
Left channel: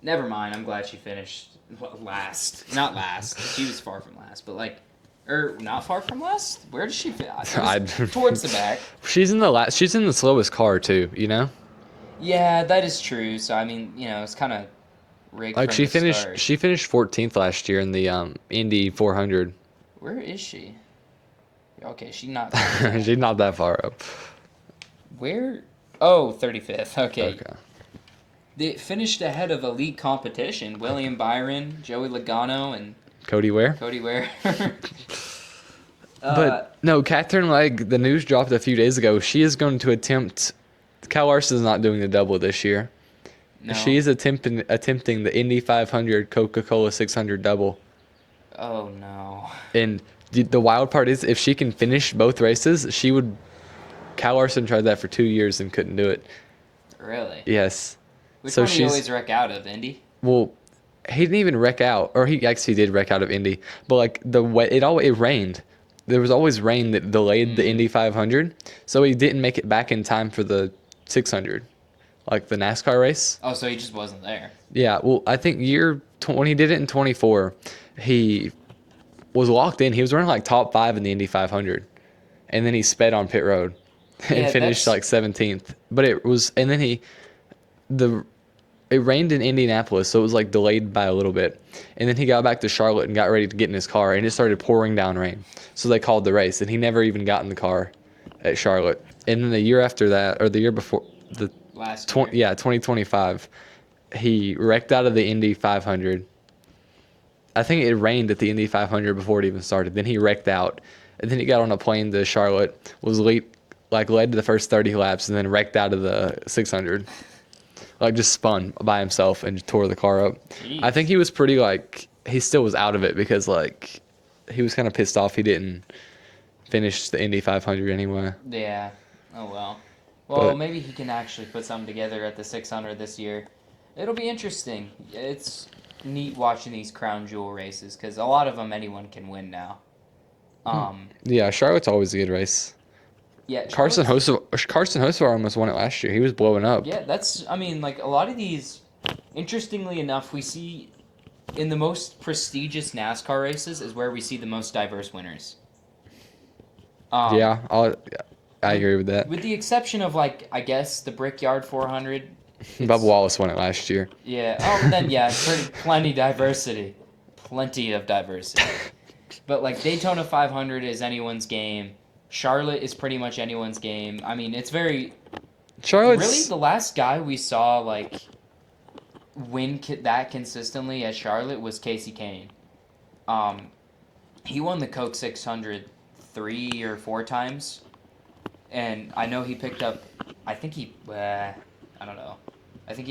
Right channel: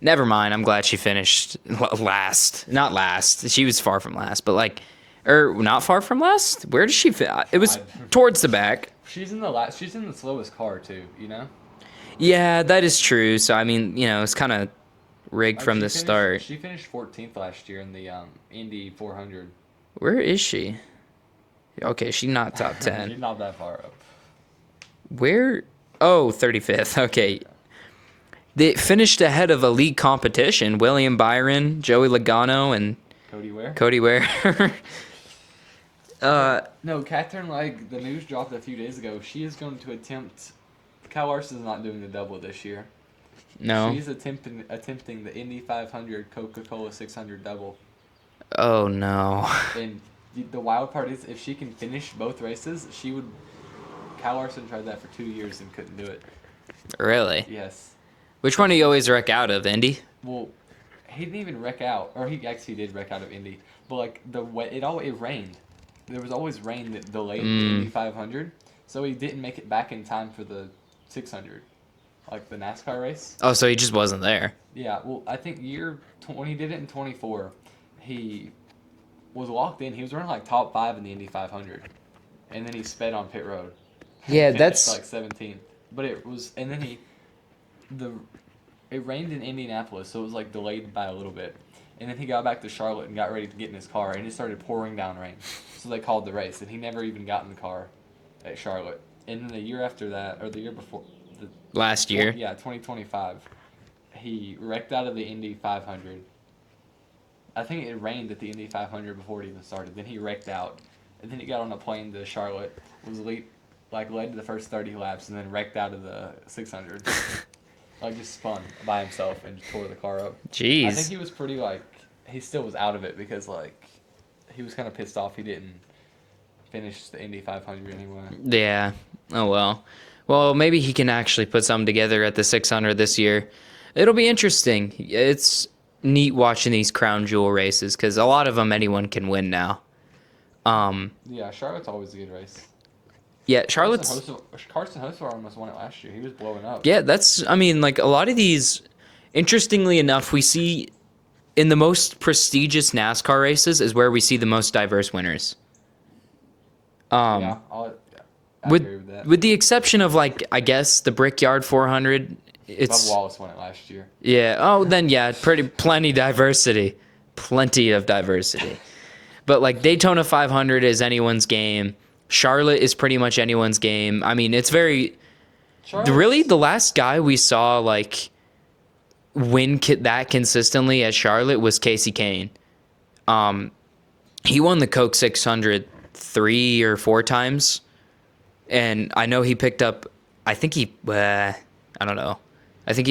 Never mind. I'm glad she finished last. Not last. She was far from last, but not far from last. Where did she fit? It was towards the back. She's in the slowest car too. You know. Yeah, that is true. So I mean, it's kind of rigged Like from the start. She finished 14th last year in the Indy 400. Where is she? Okay, she's not top 10. She's not that far up. Where? Oh, 35th. Okay. They finished ahead of a league competition. William Byron, Joey Logano, and Cody Ware. But no, Catherine Legg, the news dropped a few days ago. She is going to attempt. Kyle Larson's not doing the double this year. No. She is attempting the Indy 500 Coca-Cola 600 double. Oh no. And the wild part is, if she can finish both races, she would. Kyle Larson tried that for 2 years and couldn't do it. Really? Yes. Which So one do you she's- always wreck out of, Indy? Well, he didn't even wreck out, or he actually did wreck out of Indy. But like it rained. There was always rain that delayed the Indy 500, so he didn't make it back in time for the 600, like the NASCAR race. Oh, so he just wasn't there. Yeah, well, I think when he did it in 24, he was locked in. He was running like top 5 in the Indy 500, and then he sped on pit road and Yeah, finished that's- like 17th. But it rained in Indianapolis, so it was like delayed by a little bit. And then he got back to Charlotte and got ready to get in his car, and it started pouring down rain. So they called the race, and he never even got in the car at Charlotte. And then the year after that, or the year before, the Last year. 2025, he wrecked out of the Indy 500. I think it rained at the Indy 500 before it even started. Then he wrecked out, and then he got on a plane to Charlotte, led to the first 30 laps, and then wrecked out of the 600. Like, just spun by himself and tore the car up. Jeez. I think he was pretty, like, he still was out of it because, like, he was kind of pissed off he didn't finish the Indy 500 anyway. Yeah. Oh, well. Well, But- maybe he can actually put something together at the 600 this year. It'll be interesting. It's neat watching these crown jewel races because a lot of them anyone can win now. Yeah, Charlotte's always a good race. Yeah, Carson Charlotte's... Hocevar almost won it last year. He was blowing up. Yeah, I mean, like, a lot of these, interestingly enough, we see in the most prestigious NASCAR races is where we see the most diverse winners. I agree with that. With the exception of, like, I guess the Brickyard 400. Bubba Wallace won it last year. Yeah. Oh, then yeah, plenty diversity, plenty of diversity. But like Daytona 500 is anyone's game. Charlotte is pretty much anyone's game. I mean, it's very really the last guy we saw like win that consistently at Charlotte was Casey Kane. He won the Coke 600 3 or 4 times, and I know he picked up. I think he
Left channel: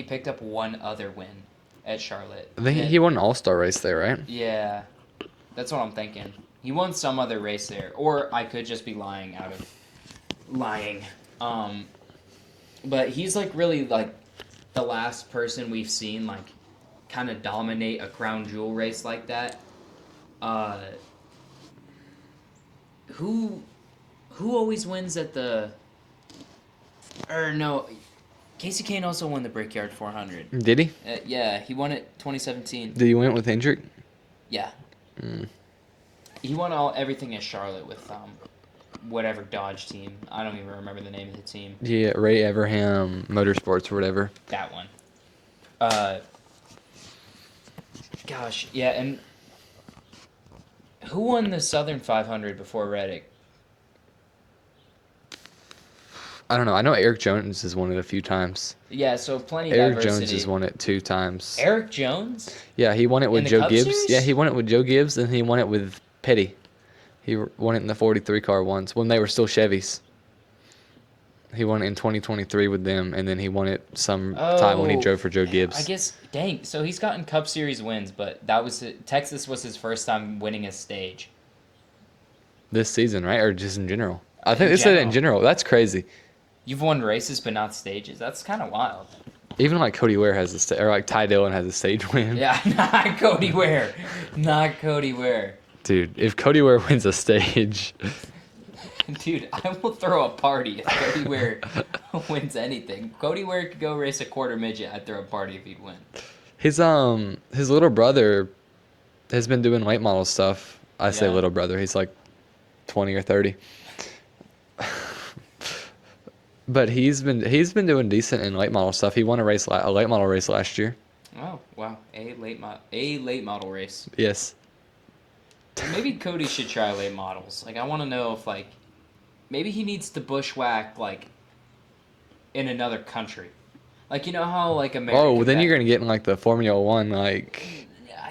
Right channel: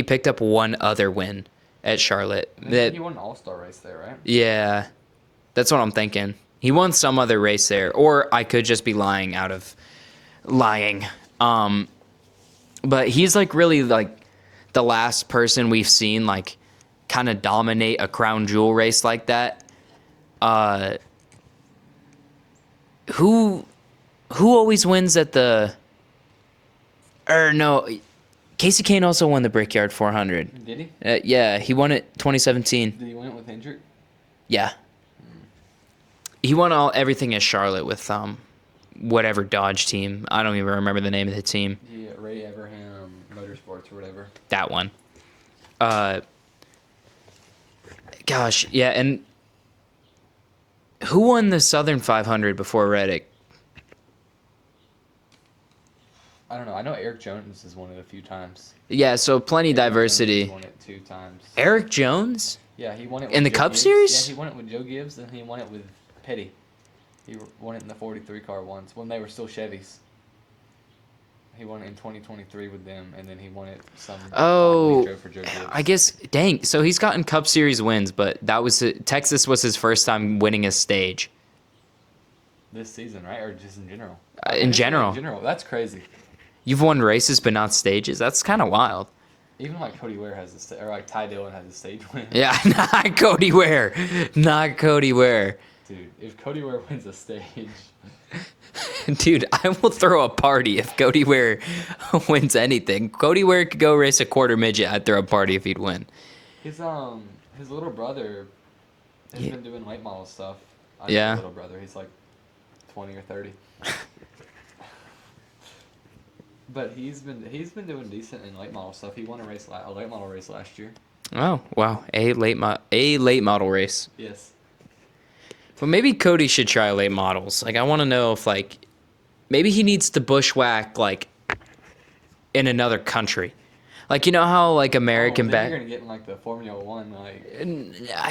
picked up one other win at Charlotte. I think he won an All-Star race there, right? Yeah, that's what I'm thinking. He won some other race there, or I could just be lying. But he's like really like the last person we've seen like kind of dominate a crown jewel race like that. Who always wins at the? Or no. Casey Kane also won the Brickyard 400. Did he? Yeah, he won it 2017. Did he win it with Hendrick? Yeah. He won everything at Charlotte with whatever Dodge team. I don't even remember the name of the team. Yeah, Ray Everham Motorsports or whatever. That one. Gosh, yeah, and who won the Southern 500 before Reddick? I don't know. I know Eric Jones has won it a few times. Yeah, so plenty Eric diversity. Jones has won it 2 times. Eric Jones? Yeah, he won it with In the Joe Cup Gibbs. Series? Yeah, he won it with Joe Gibbs, and he won it with Petty. He won it in the 43 car once when they were still Chevys. He won it in 2023 with them, and then he won it some time when he drove for Joe Gibbs. I guess, dang. So he's gotten Cup Series wins, but Texas was his first time winning a stage. This season, right? Or just in general? I In think they said general. in general. That's crazy. You've won races, but not stages. That's kind of wild. Even like Cody Ware has a stage, or like Ty Dillon has a stage win. Yeah, not Cody Ware. Not Cody Ware. Dude, if Cody Ware wins a stage, Dude, I will throw a party if Cody Ware wins anything. Cody Ware could go race a quarter midget. I'd throw a party if he'd win. his little brother has been doing late model stuff. I say Yeah. little brother. He's like 20 or 30. But he's been doing decent in late model stuff. He won a late model race last year. Oh, wow. A late model race. Yes. Well, maybe Cody should try late models. Like, I want to know if, like, maybe he needs to bushwhack, like, in another country. Like, you know how, like, American... then you're going to get in, like, the Formula One, like...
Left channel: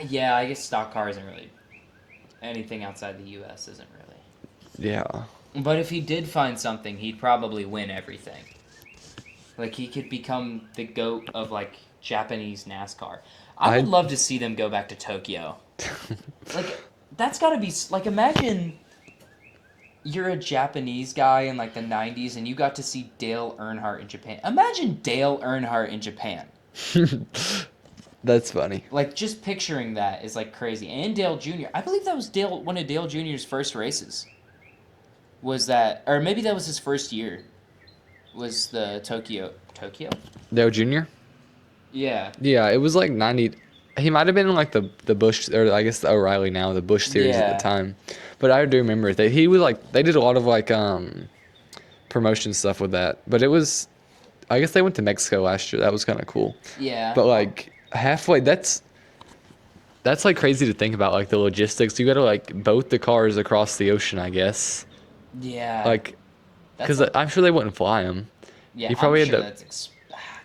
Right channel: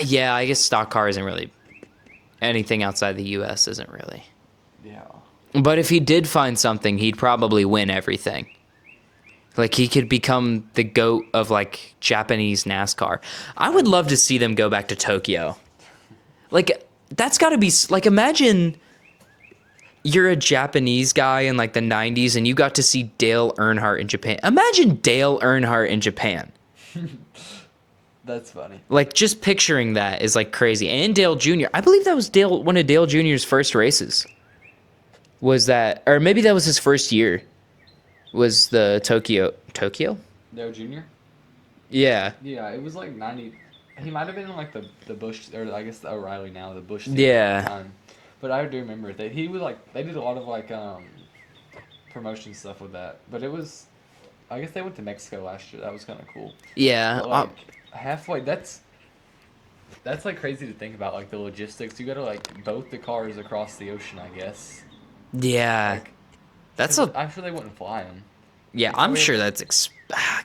Yeah, I guess stock car isn't really... Anything outside the U.S. isn't really... Yeah. But if he did find something, he'd probably win everything. Like, he could become the GOAT of, like, Japanese NASCAR. I would love to see them go back to Tokyo. Like, that's got to be... Like, imagine you're a Japanese guy in, like, the 90s, and you got to see Dale Earnhardt in Japan. Imagine Dale Earnhardt in Japan. That's funny. Like, just picturing that is, like, crazy. And Dale Jr. I believe that was one of Dale Jr.'s first races. Was that... Or maybe that was his first year. Was the Tokyo... Dale Jr.? Yeah. Yeah, it was like 90... He might have been in like the Busch, or I guess the O'Reilly now, the Busch series at the time. But I do remember that he was like... They did a lot of like promotion stuff with that. But it was... I guess they went to Mexico last year. That was kind of cool. Yeah. But like halfway... That's like crazy to think about, like the logistics. You got to like boat the cars across the ocean, I guess. Yeah. Like, That's Because I'm sure they wouldn't fly him. yeah. you I'm probably had sure to- that's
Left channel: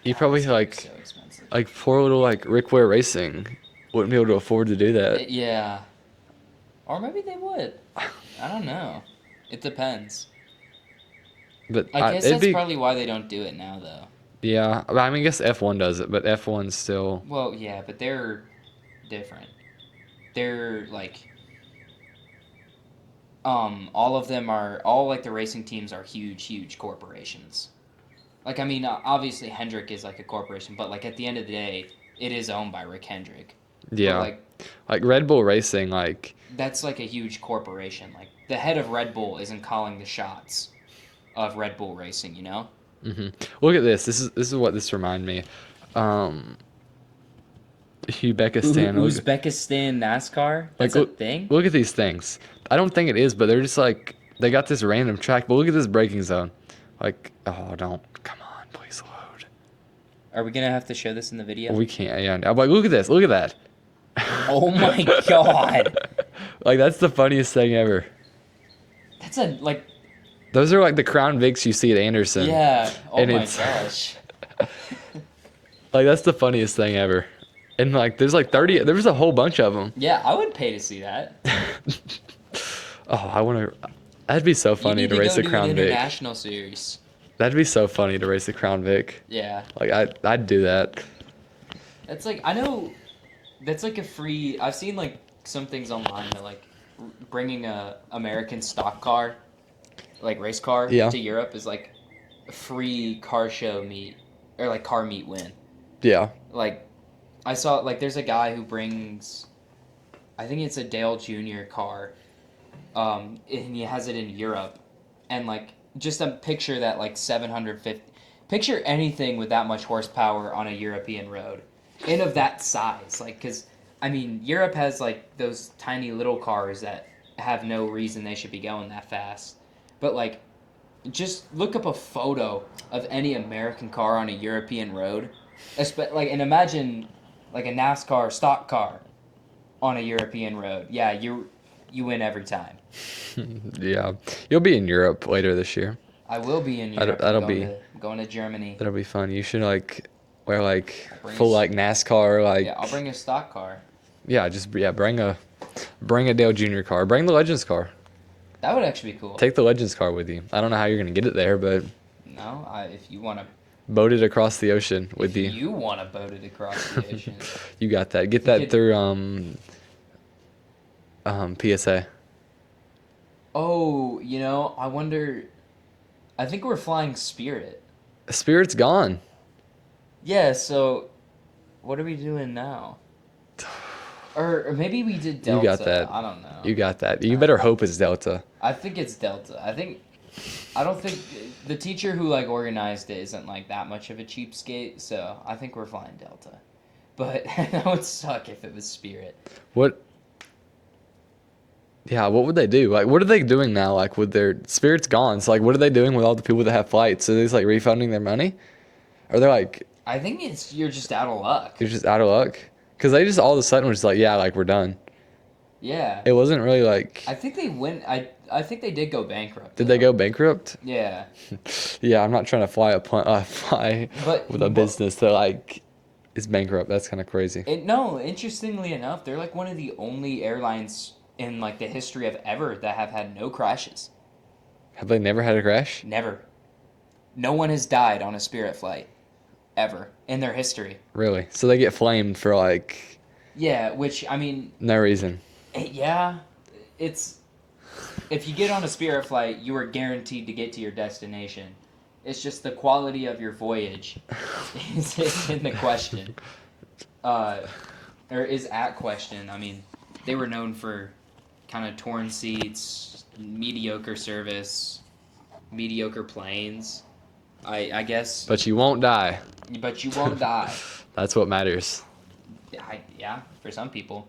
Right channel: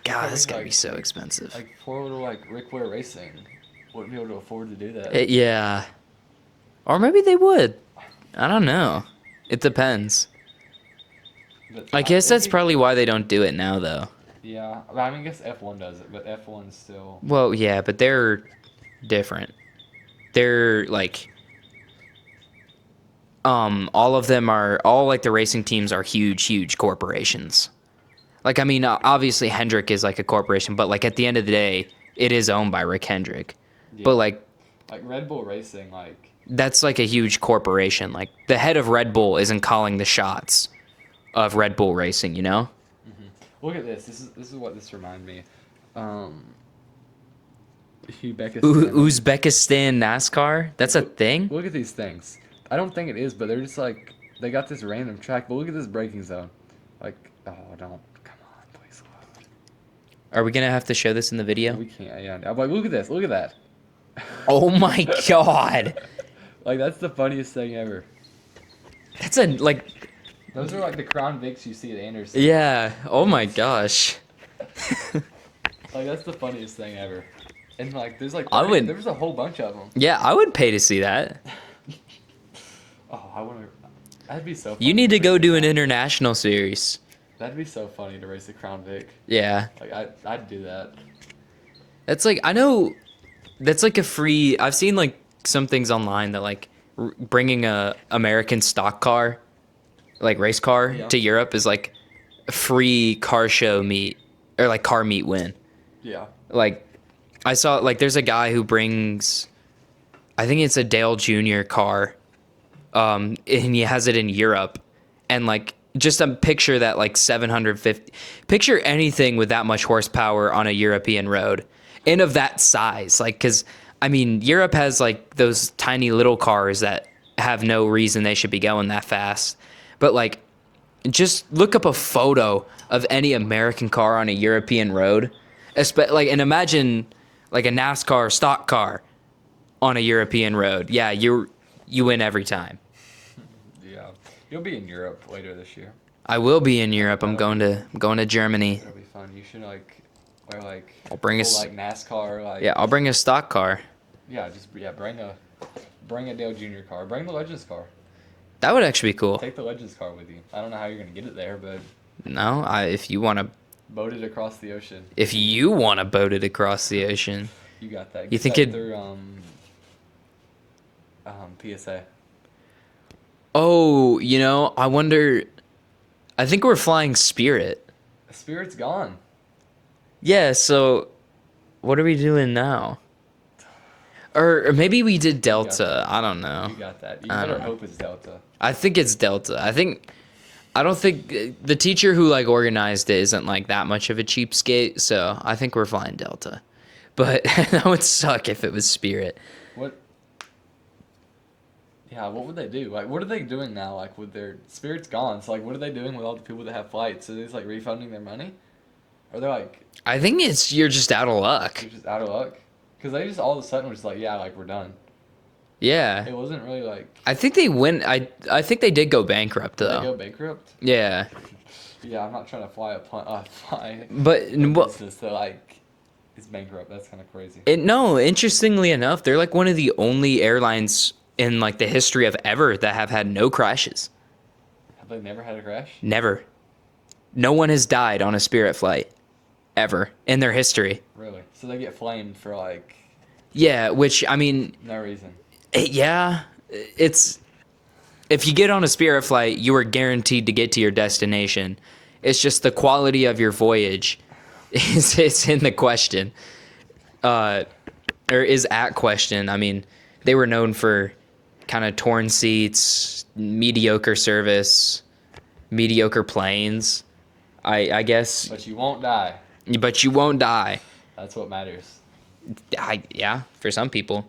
you God, probably that's gonna be like so expensive. like poor little like Rick Ware Racing wouldn't be able to afford to do that. Yeah, or maybe they would. I don't know. It depends. But I guess it'd that's be- probably why they don't do it now, though. Yeah, I mean, I guess F1 does it, but F1's still. Well, yeah, but they're different. They're like, all of them are all like the racing teams are huge corporations. Like, I mean, obviously Hendrick is like a corporation, but like at the end of the day, it is owned by Rick Hendrick. Yeah. But like, Like Red Bull Racing, like that's like a huge corporation. Like the head of Red Bull isn't calling the shots of Red Bull Racing, you know? look at this. This is what this remind me. Uzbekistan. Uzbekistan NASCAR? That's Like, a thing? Look at these things. I don't think it is, but they're just like they got this random track. But look at this braking zone. Like, oh, don't come on, please load. Are we gonna have to show this in the video? We can't. Yeah, I'm like, look at this. Look at that. Oh my god. Like that's the funniest thing ever. That's a like Those are like the Crown Vics you see at Anderson. yeah. Oh And my it's- gosh. Like that's the funniest thing ever. And like there's like I 30. would- There was a whole bunch of them. Yeah, I would pay to see that. Oh, I want to. That'd be so funny. You need to race go the do an Crown Vic. international series. That'd be so funny to race the Crown Vic. Yeah. Like I'd do that. That's like I know that's like a free I've seen like some things online that like bringing a American stock car like race car Yeah. to Europe is like a free car show meet or like car meet win. Yeah. Like I saw like there's a guy who brings I think it's a Dale Jr. car and he has it in Europe and like just a picture that like 750 picture anything with that much horsepower on a European road and of that size like cuz I mean Europe has like those tiny little cars that have no reason they should be going that fast but like just look up a photo of any American car on a European road like and imagine like a NASCAR stock car on a European road yeah you win every time. Yeah. You'll be in Europe later this year. I will be in Europe. I'm that'll going to Germany. That'll be fun. You should like wear like I'll bring full us- like NASCAR like Yeah, I'll bring a stock car. yeah bring a Dale Jr. car. Bring the Legends car. That would actually be cool. Take the Legends car with you. I don't know how you're gonna get it there, but No, if you want to, boat it across the ocean. with if you want to boat it across the ocean, you got that. Get think that it- through PSA. oh, you know, I wonder. I think we're flying Spirit. Spirit's gone. Yeah. So, what are we doing now? Or maybe we did got Delta. that. I don't know. You got that. You better hope it's Delta. I think it's Delta. I don't think the teacher who like organized it isn't like that much of a cheapskate, so I think we're flying Delta. But that would suck if it was Spirit. What? Yeah, what would they do? Like, what are they doing now? Like, with their Spirit's gone. So, like, what are they doing with all the people that have flights? Are they just like refunding their money? Or they're like, I think you're just out of luck. you're just out of luck? Because they just all of a sudden were just like, yeah, like we're done. Yeah. It wasn't really like. I think they went. I think they did go bankrupt. Did though. they go bankrupt? Yeah. Yeah, I'm not trying to fly But a business that like is bankrupt. That's kind of crazy. no, interestingly enough, they're like one of the only airlines in like the history of ever that have had no crashes. Have they never had a crash? Never. No one has died on a Spirit flight ever in their history. Really? So they get flamed for like Yeah, which I mean, no reason. yeah, it's if you get on a Spirit flight, you are guaranteed to get to your destination. It's just the quality of your voyage is in the question, or is at question. I mean, they were known for kind of torn seats, mediocre service, mediocre planes. I guess, But you won't die. but you won't die. That's what matters. Yeah, for some people.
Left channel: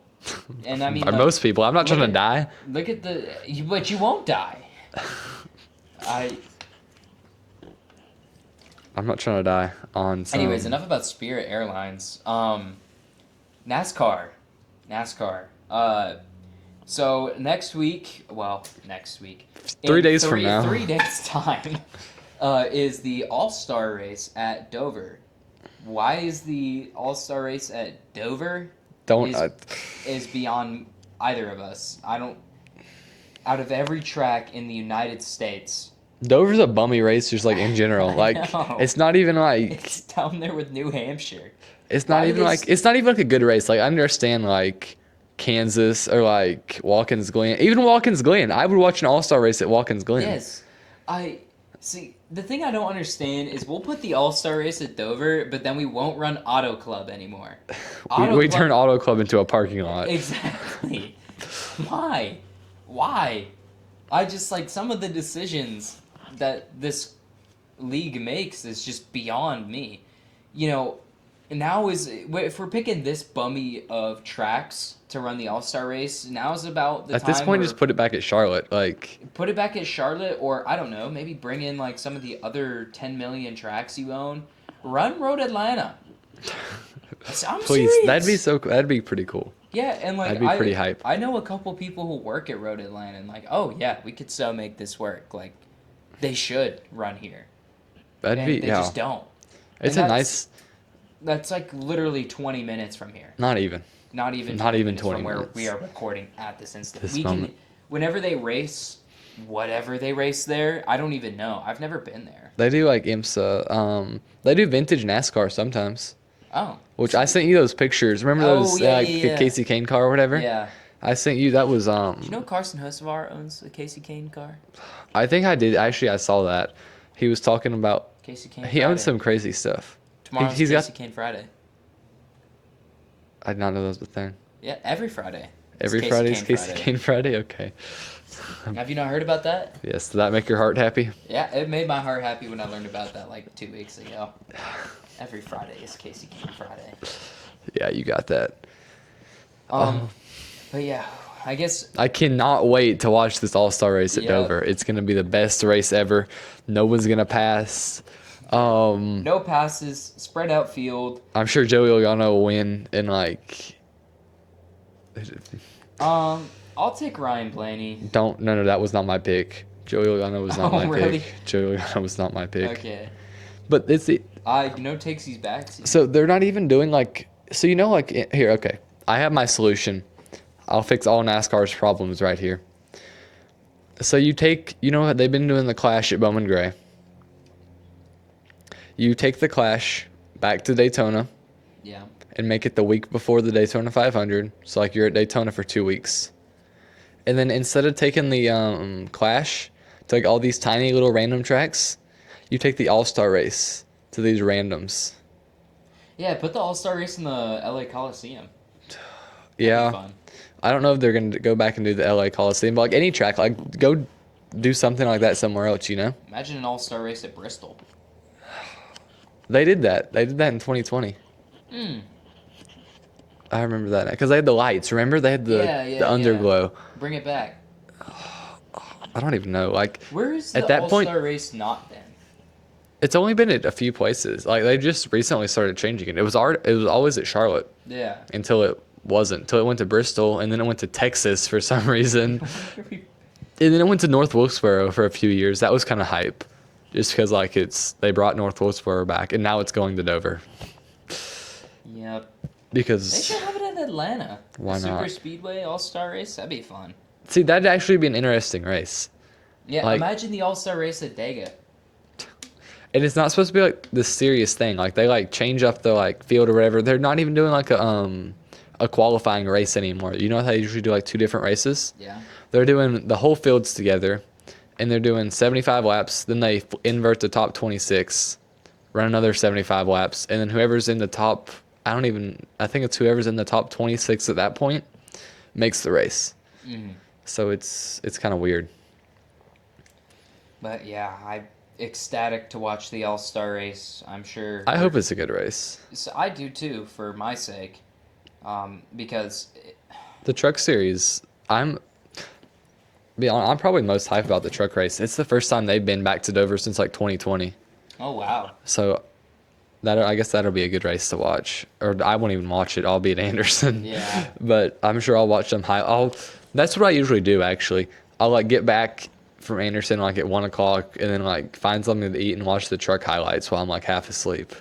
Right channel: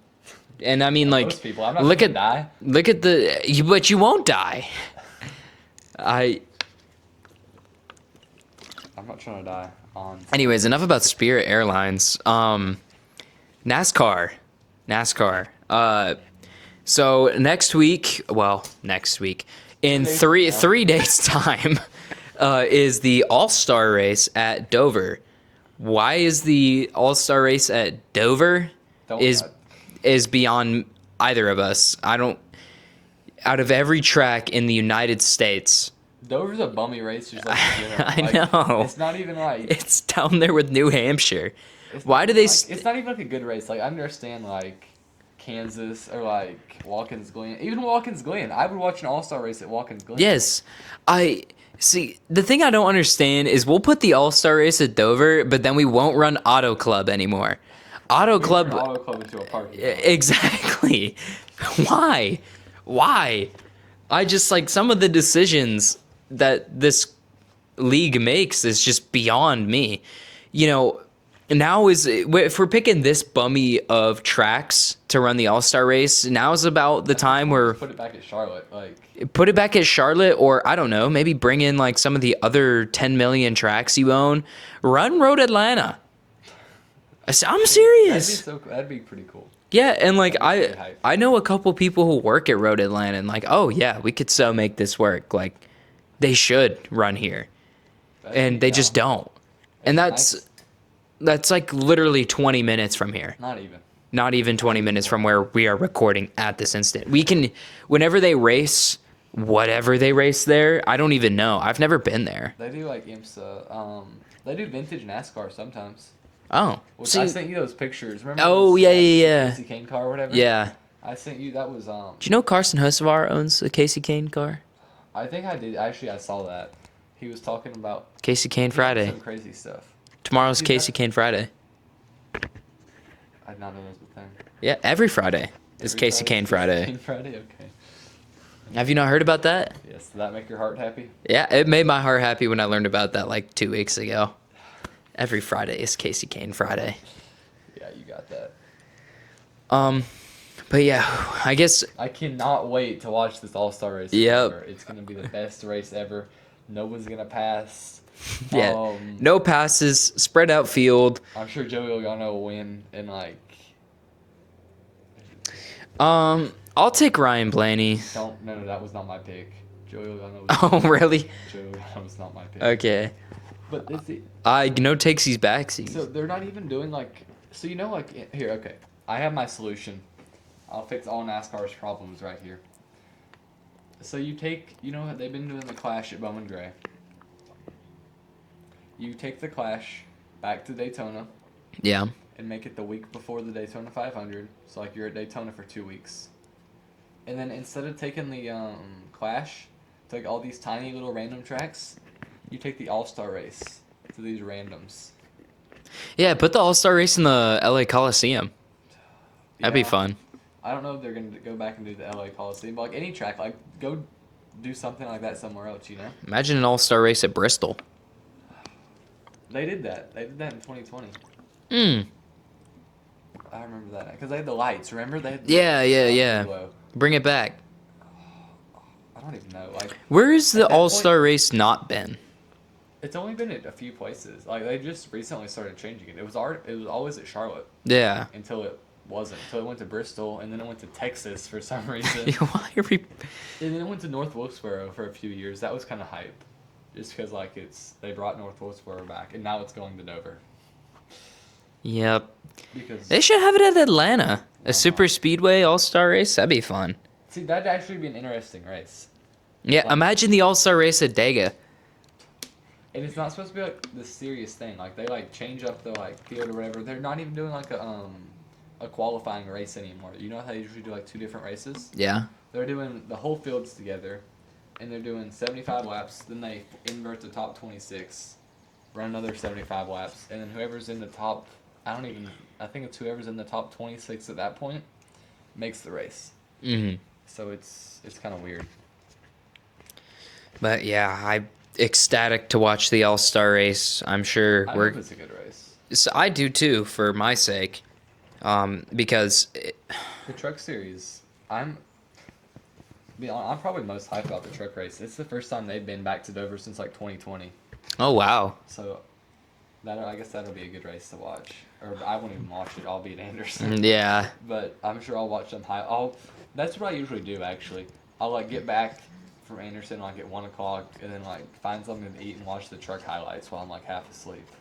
And I mean, Or like most people. I'm not look trying to die. Look at but you won't die. I'm not trying to die on. Some, Anyways, enough about Spirit Airlines. NASCAR. So next week, in 3 days from now. 3 days time, is the All-Star race at Dover. Why is the All-Star race at Dover? Is beyond either of us. I don't. Out of every track in the United States, Dover's a bummy race, just like in general. Like know. it's not even like it's down there with New Hampshire. it's Why not do even they like it's not even like a good race. Like I understand like Kansas or like Watkins Glen. Even Watkins Glen. I would watch an All-Star race at Watkins Glen. Yes, I see. The thing I don't understand is we'll put the All-Star race at Dover, but then we won't run Auto Club anymore. We turn Auto Club into a parking lot. Exactly. Why? I just like some of the decisions that this league makes is just beyond me. You know, now if we're picking this bummy of tracks to run the All-Star race, now is about the At time this point, where just put it back at Charlotte. Like put it back at Charlotte, or I don't know, maybe bring in like some of the other 10 million tracks you own. Run Road Atlanta. I'm please, serious. that'd be pretty cool. Yeah, and like That'd be pretty hype. I know a couple people who work at Road Atlanta, and like, oh yeah, we could so make this work. Like, they should run here, and they just don't. It's And that's like literally 20 minutes from here. Not even. Not even 20 minutes from 20 where minutes. we are recording at this instant. This We can, moment. whenever they race, whatever they race there, I don't even know. I've never been there. They do like IMSA. They do vintage NASCAR sometimes. Oh, Which I sent you those pictures. Remember Oh, those? yeah, like, yeah. The Casey Kane car or whatever. Yeah. I sent you. That was Do you know Carson Hocevar owns a Casey Kane car? I think I did. Actually, I saw that. He was talking about. Casey Kane He owns Friday. some crazy stuff. Tomorrow's he's Casey got- Kane Friday. I did not know that was the thing. Yeah, every Friday. It's Every Casey Friday's Kane Casey Friday. Kane Friday. Okay. Have you not heard about that? Yes. Did that make your heart happy? Yeah, it made my heart happy when I learned about that like 2 weeks ago. Every Friday is Casey Kane Friday. Yeah, you got that. But yeah, I guess I cannot wait to watch this All-Star race at Yep. Dover. It's gonna be the best race ever. No one's gonna pass. yeah, no passes, spread out field. I'm sure Joey Logano will win in like. I'll take Ryan Blaney. No, that was not my pick. Joey Logano was not Oh, my really? pick. Joey Logano was not my pick. Okay. But it's No takesies backsies. so they're not even doing like so you know like here okay I have my solution. I'll fix all NASCAR's problems right here. So they've been doing the Clash at Bowman Gray. You take the Clash back to Daytona Yeah. and make it the week before the Daytona 500. So like you're at Daytona for 2 weeks. And then instead of taking the Clash to like all these tiny little random tracks, you take the All-Star race to these randoms. Yeah, put the All-Star race in the LA Coliseum. That'd be fun. I don't know if they're going to go back and do the LA Coliseum, but like any track, like go do something like that somewhere else, you know? Imagine an All-Star race at Bristol. They did that. They did that in 2020. I remember that because they had the lights. Remember they had the the underglow. Bring it back. I don't even know. Like Where has At the that All-Star race not been? it's only been at a few places. Like they just recently started changing it. It was always at Charlotte Yeah. until it wasn't. Until it went to Bristol and then it went to Texas for some reason. Why are we... And then it went to North Wilkesboro for a few years. That was kind of hype, just because like they brought North Wilkesboro back, and now it's going to Dover Yep. because They should have it at Atlanta. Why A super not? speedway all-star race. That'd be fun. see that'd actually be an interesting race. Yeah, Like- imagine the all-star race at Dega. And it's not supposed to be like this serious thing. Like they like change up the like field or whatever. They're not even doing like a qualifying race anymore. You know how they usually do like 2 different races? Yeah. They're doing the whole fields together, and they're doing 75 laps. Then they invert the top 26, run another 75 laps, and then whoever's in the top, I think it's whoever's in the top 26 at that point, makes the race. Mm-hmm. So it's kind of weird. But yeah, I'm ecstatic to watch the all-star race. I'm sure. I hope it's a good race. So I do too, for my sake, because The truck series, I'm probably most hyped about the truck race. It's the first time they've been back to Dover since like 2020. oh wow, So I guess that'll be a good race to watch. Or I won't even watch it. I'll be at Anderson. yeah, But I'm sure I'll watch them That's what I usually do, actually. I'll like get back from Anderson like at 1 o'clock, and then like find something to eat and watch the truck highlights while I'm like half asleep.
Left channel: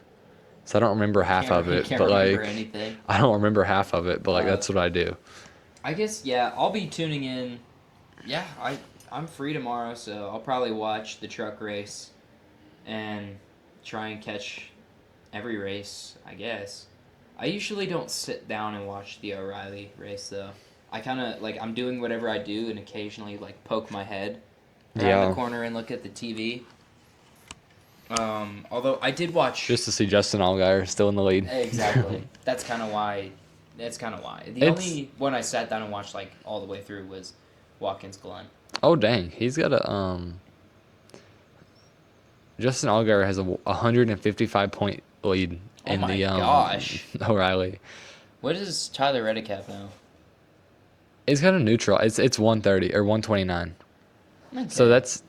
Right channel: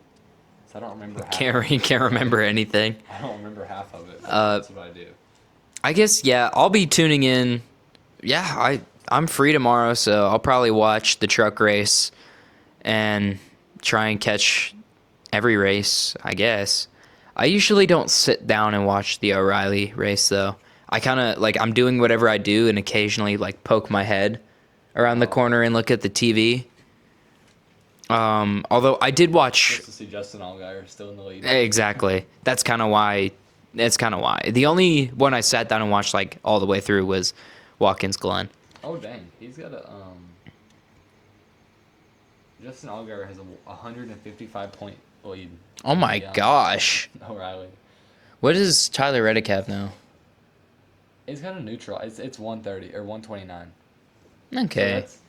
So I don't remember half of You it. can't but, remember like, anything. I don't remember half of it, but like that's what I do. I guess yeah. I'll be tuning in. Yeah, I'm free tomorrow, so I'll probably watch the truck race and try and catch every race, I guess. I usually don't sit down and watch the O'Reilly race though. I kind of like I'm doing whatever I do and occasionally like poke my head around the Yeah. corner and look at the TV. Although I did watch Just to see Justin Allgaier still in the lead. exactly. That's kind of why. That's kind of why. The only one I sat down and watched like all the way through was Watkins Glen. Oh dang, he's got a Justin Allgaier has a 155-point lead. Oh in my the, gosh. O'Reilly. What does Tyler Reddick have now? It's kind of neutral. It's 130 or 129. Okay. So that's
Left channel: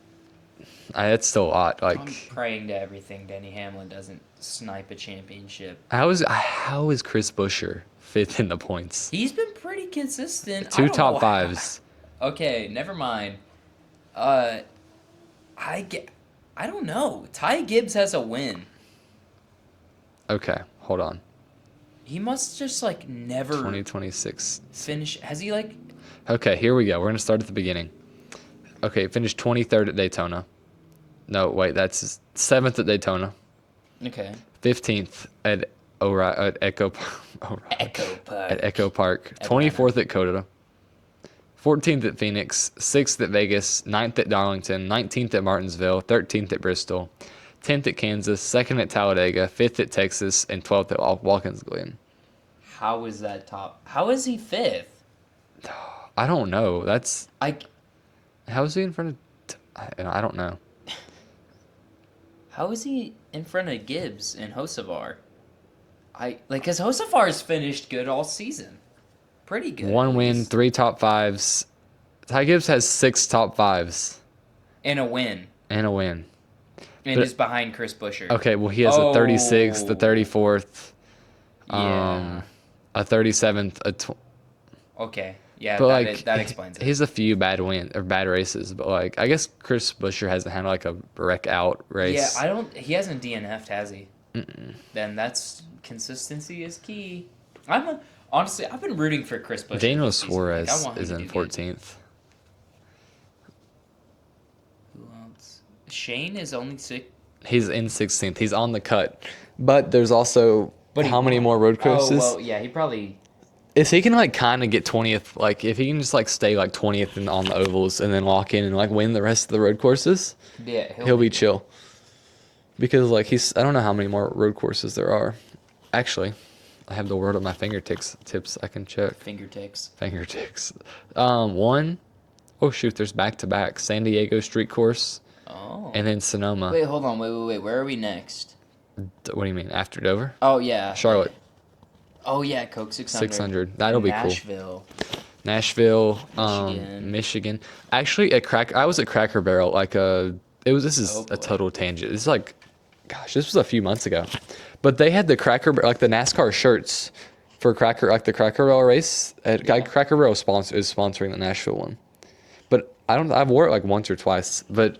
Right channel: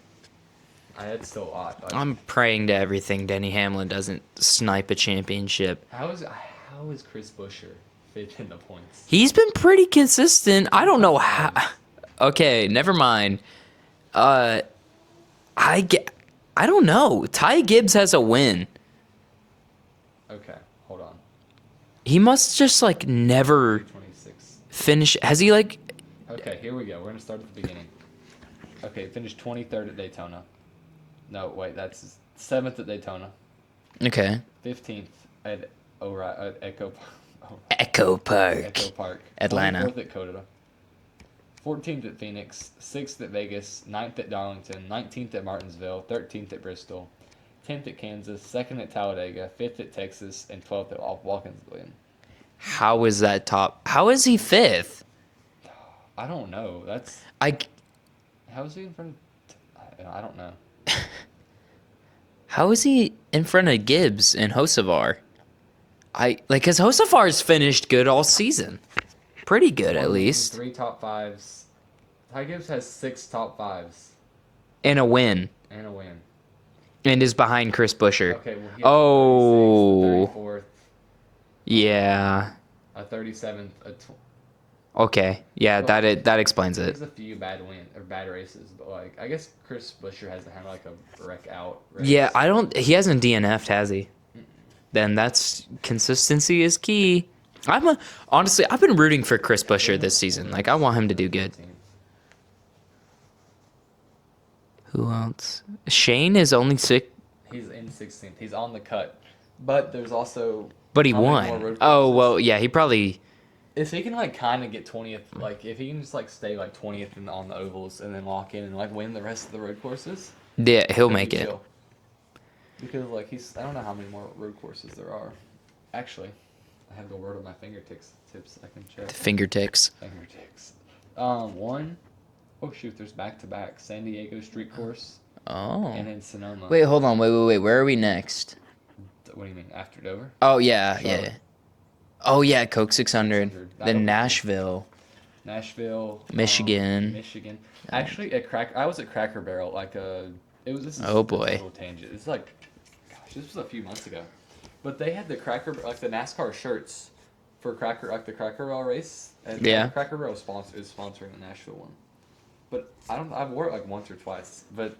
still a lot. Like I'm praying to everything Denny Hamlin doesn't snipe a championship. how is Chris Buescher fifth in the points? He's been pretty consistent. I Two don't top know fives. how. Okay, never mind. I don't know. Ty Gibbs has a win. Okay, hold on. He must just like never 2026. finish. Has he like? Okay, here we go. We're gonna start at the beginning. Okay, finished 23rd at Daytona. No, wait, that's 7th at Daytona. Okay. 15th at Echo Echo Park. Echo Park. Atlanta. 24th at Coda. 14th at Phoenix. 6th at Vegas. 9th at Darlington. 19th at Martinsville. 13th at Bristol. 10th at Kansas. 2nd at Talladega. 5th at Texas. And 12th at Watkins Glen. How is that top? How is he fifth? I don't know. That's I. how is he in front of? I don't know. How is he in front of Gibbs and Hocevar? Cause Hocevar's finished good all season. Pretty good, One at win, least. 3 top 5s. Ty Gibbs has 6 top 5s And a win. and a win. And But- is behind Chris Buescher. Okay, well he has a 36th, a 34th, Yeah. a 37th, Okay. Yeah, but, like, that explains He it. has a few bad races, but like I guess Chris Buescher hasn't had like a wreck out race. Yeah, he hasn't DNF'd, has he? Then that's consistency is key. Honestly, I've been rooting for Chris Buescher Daniel this season. Suarez Like I want him is to in do good. 14th. Who else? Shane is only six. He's in 16th. He's on the cut, but there's also But he how won. many more road courses? Oh well, yeah, he probably. If he can like kind of get 20th, like if he can just like stay like 20th on the ovals and then lock in and like win the rest of the road courses, Yeah, he'll he'll make be it. chill. Because like I don't know how many more road courses there are. Actually, I have the word at my fingertips. I can check. Fingertips. Fingertips. One. Oh shoot, there's back to back San Diego Street Course Oh. and then Sonoma. Wait, hold on. Wait. Where are we next? What do you mean after Dover? Oh yeah, Charlotte. yeah. Oh yeah, Coke 600. 600. Then That'll be cool. Nashville. Nashville, Michigan. Michigan. Actually, I was at Cracker Barrel. This is Oh, a boy. total tangent. It's like, gosh, this was a few months ago, but they had the like the NASCAR shirts for the Cracker Barrel race. Yeah. Cracker Barrel is sponsoring the Nashville one, but I've wore it like once or twice, but.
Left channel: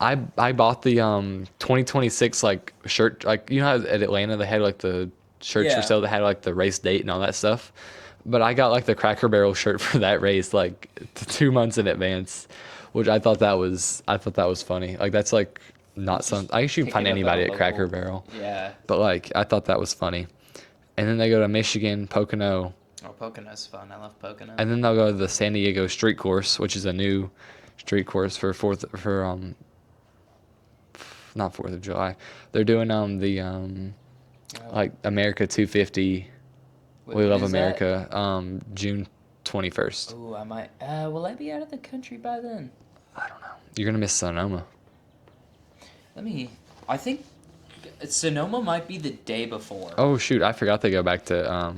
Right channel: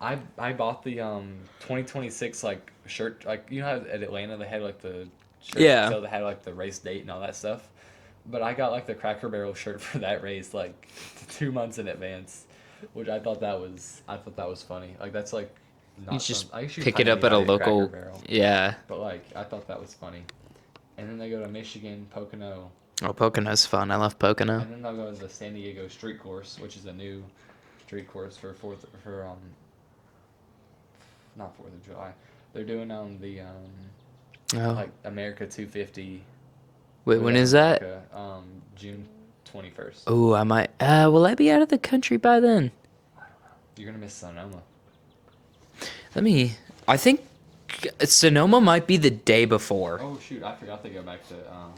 I bought the 2026 like shirt, like you know how at Atlanta they had like the shirts Yeah. for sale that had like the race date and all that stuff. But I got like the Cracker Barrel shirt for that race like 2 months in advance, which I thought that was funny. Like that's like not Just something I usually pick find it up at a anybody at local. Cracker Barrel, Yeah. but like I thought that was funny. And then they go to Michigan, Pocono, Oh, Pocono's fun. I love Pocono. and then they'll go to the San Diego Street Course, which is a new street course not 4th of July. They're doing like America 250. Wait, Wheel when of is that? America, June 21st. Oh, I might. Will I be out of the country by then? You're gonna miss Sonoma. I think Sonoma might be the day before. Oh shoot, I forgot they go back to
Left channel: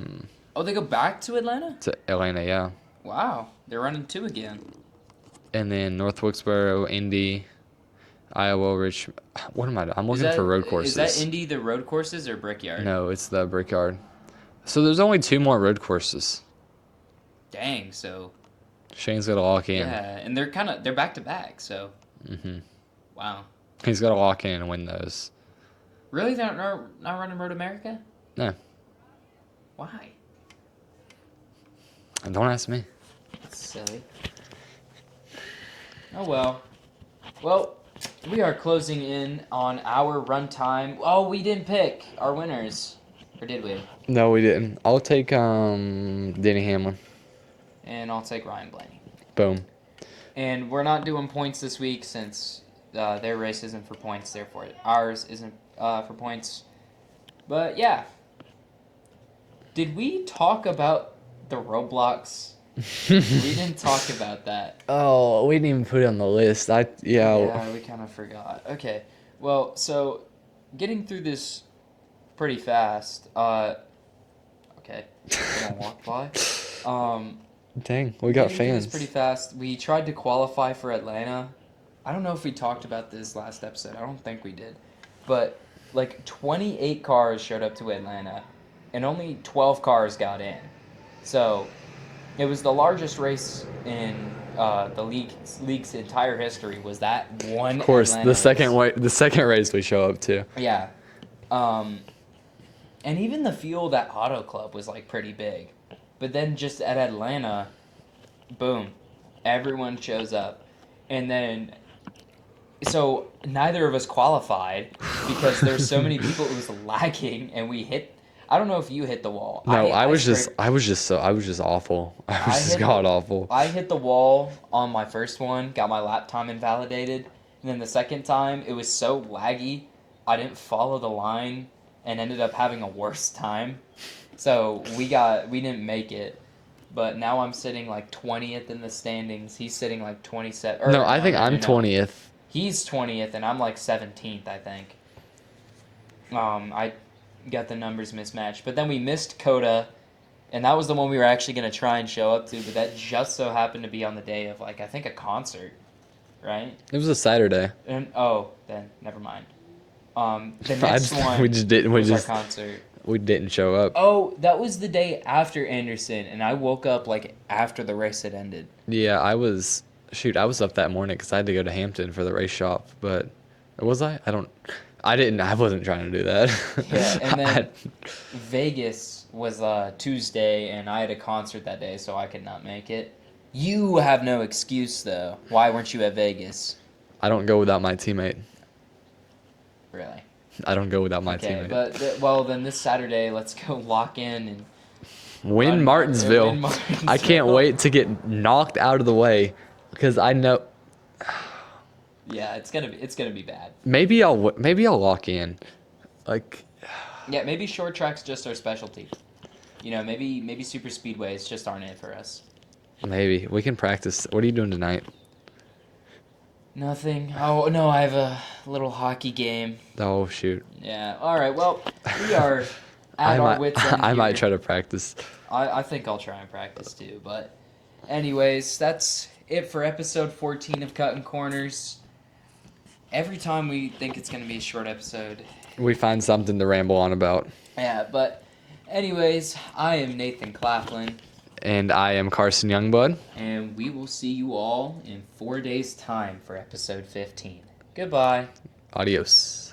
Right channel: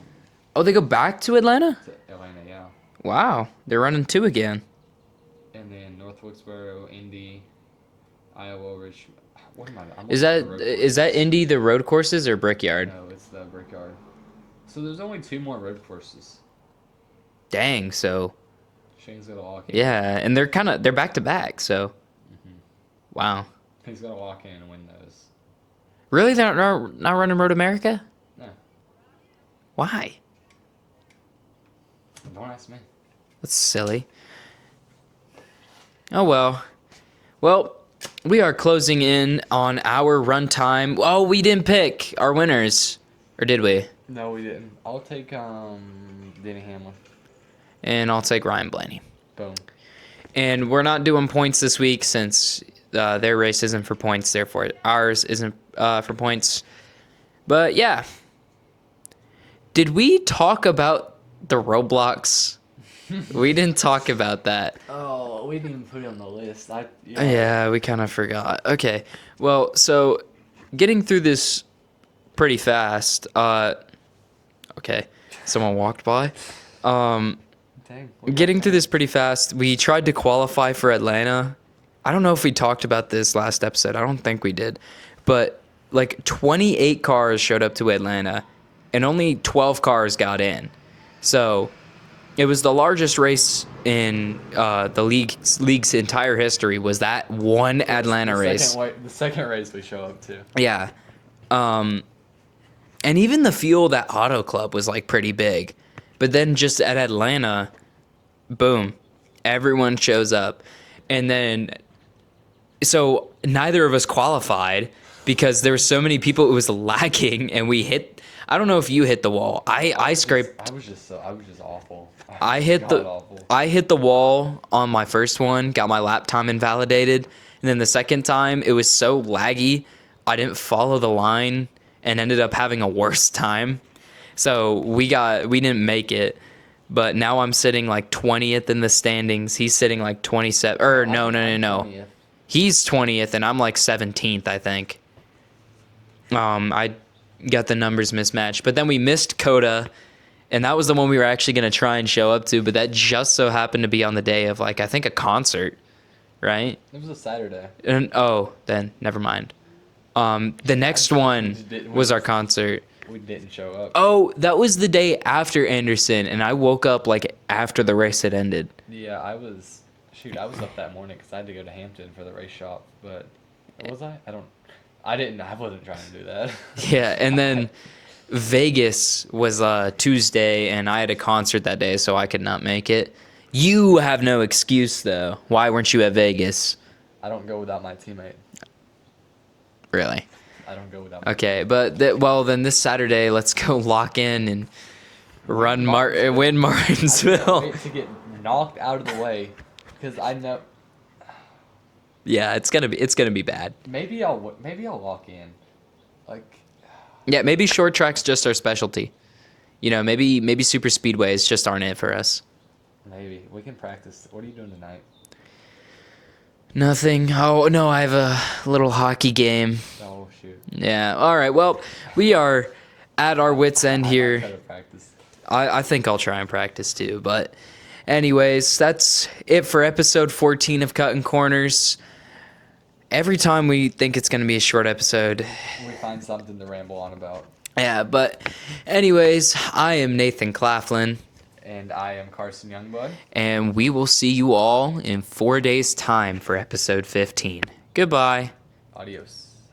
Oh, they go back to Atlanta? Atlanta, yeah. Wow, they're running 2 again. And then North Wilkesboro, Indy, Iowa, Richmond. What am I doing? I'm looking Is that for road courses. is that Indy the road courses or Brickyard? No, it's the Brickyard. So there's only 2 more road courses. Dang, so Shane's got to lock in. Yeah, and they're back to back. So, wow. He's got to lock in and win those. Really, they're not running Road America? No, Why? don't ask me. That's silly. Oh well. Well, we are closing in on our run time. Oh, we didn't pick our winners, or did we? No, we didn't. I'll take Denny Hamlin. And I'll take Ryan Blaney. Boom. And we're not doing points this week since their race isn't for points. Therefore, ours isn't for points. But yeah. Did we talk about the Roblox? We didn't talk about that. Oh, we didn't even put it on the list. Yeah, we kind of forgot. Okay. Well, so getting through this pretty fast. Okay. Someone walked by. Dang. We got Getting through this fans. pretty fast. We tried to qualify for Atlanta. I don't know if we talked about this last episode. I don't think we did. But like 28 cars showed up to Atlanta and only 12 cars got in. So it was the largest race in the league's entire history was that one Of course, Atlanta race. The second race we show up to. Yeah. And even the field at Auto Club was like pretty big. But then just at Atlanta, boom, everyone shows up. And then, so neither of us qualified because there were so many people, it was lagging and we hit, I don't know if you hit the wall. No, I was scraped. just awful. I hit awful. I hit the wall on my first one, got my lap time invalidated, and then the second time it was so laggy, I didn't follow the line and ended up having a worse time. So we didn't make it. But now I'm sitting like 20th in the standings. He's sitting like 27. Or I think I'm no. 20th. He's 20th and I'm like 17th, I think. I got the numbers mismatched. But then we missed Coda, and that was the one we were actually going to try and show up to, but that just so happened to be on the day of like I think a concert, right? It was a Saturday. And then never mind. The next We one just didn't- was our concert. We didn't show up. Oh, that was the day after Anderson, and I woke up like after the race had ended. Yeah, I was up that morning because I had to go to Hampton for the race shop. But was I? I wasn't trying to do that. Yeah, and then Vegas was Tuesday, and I had a concert that day, so I could not make it. You have no excuse, though. Why weren't you at Vegas? I don't go without my teammate. Really? I don't go without my Okay, teammate. but then this Saturday, let's go lock in and Win Martinsville. win Martinsville. I can't wait to get knocked out of the way because I know Yeah, it's gonna be bad. maybe I'll lock in. Like Yeah, maybe short track's just our specialty. You know, maybe super speedways just aren't it for us. maybe we can practice. What are you doing tonight? Nothing. Oh no, I have a little hockey game. Oh shoot. Yeah. All right. Well, we are at our wits' end here. I might try to practice. I think I'll try and practice too. But anyways, that's it for episode 14 of Cuttin Corners. Every time we think it's going to be a short episode. We find something to ramble on about. Yeah, but anyways, I am Nathan Claflin. And I am Carson Youngblood. And we will see you all in 4 days' time for episode 15. Goodbye. Adios.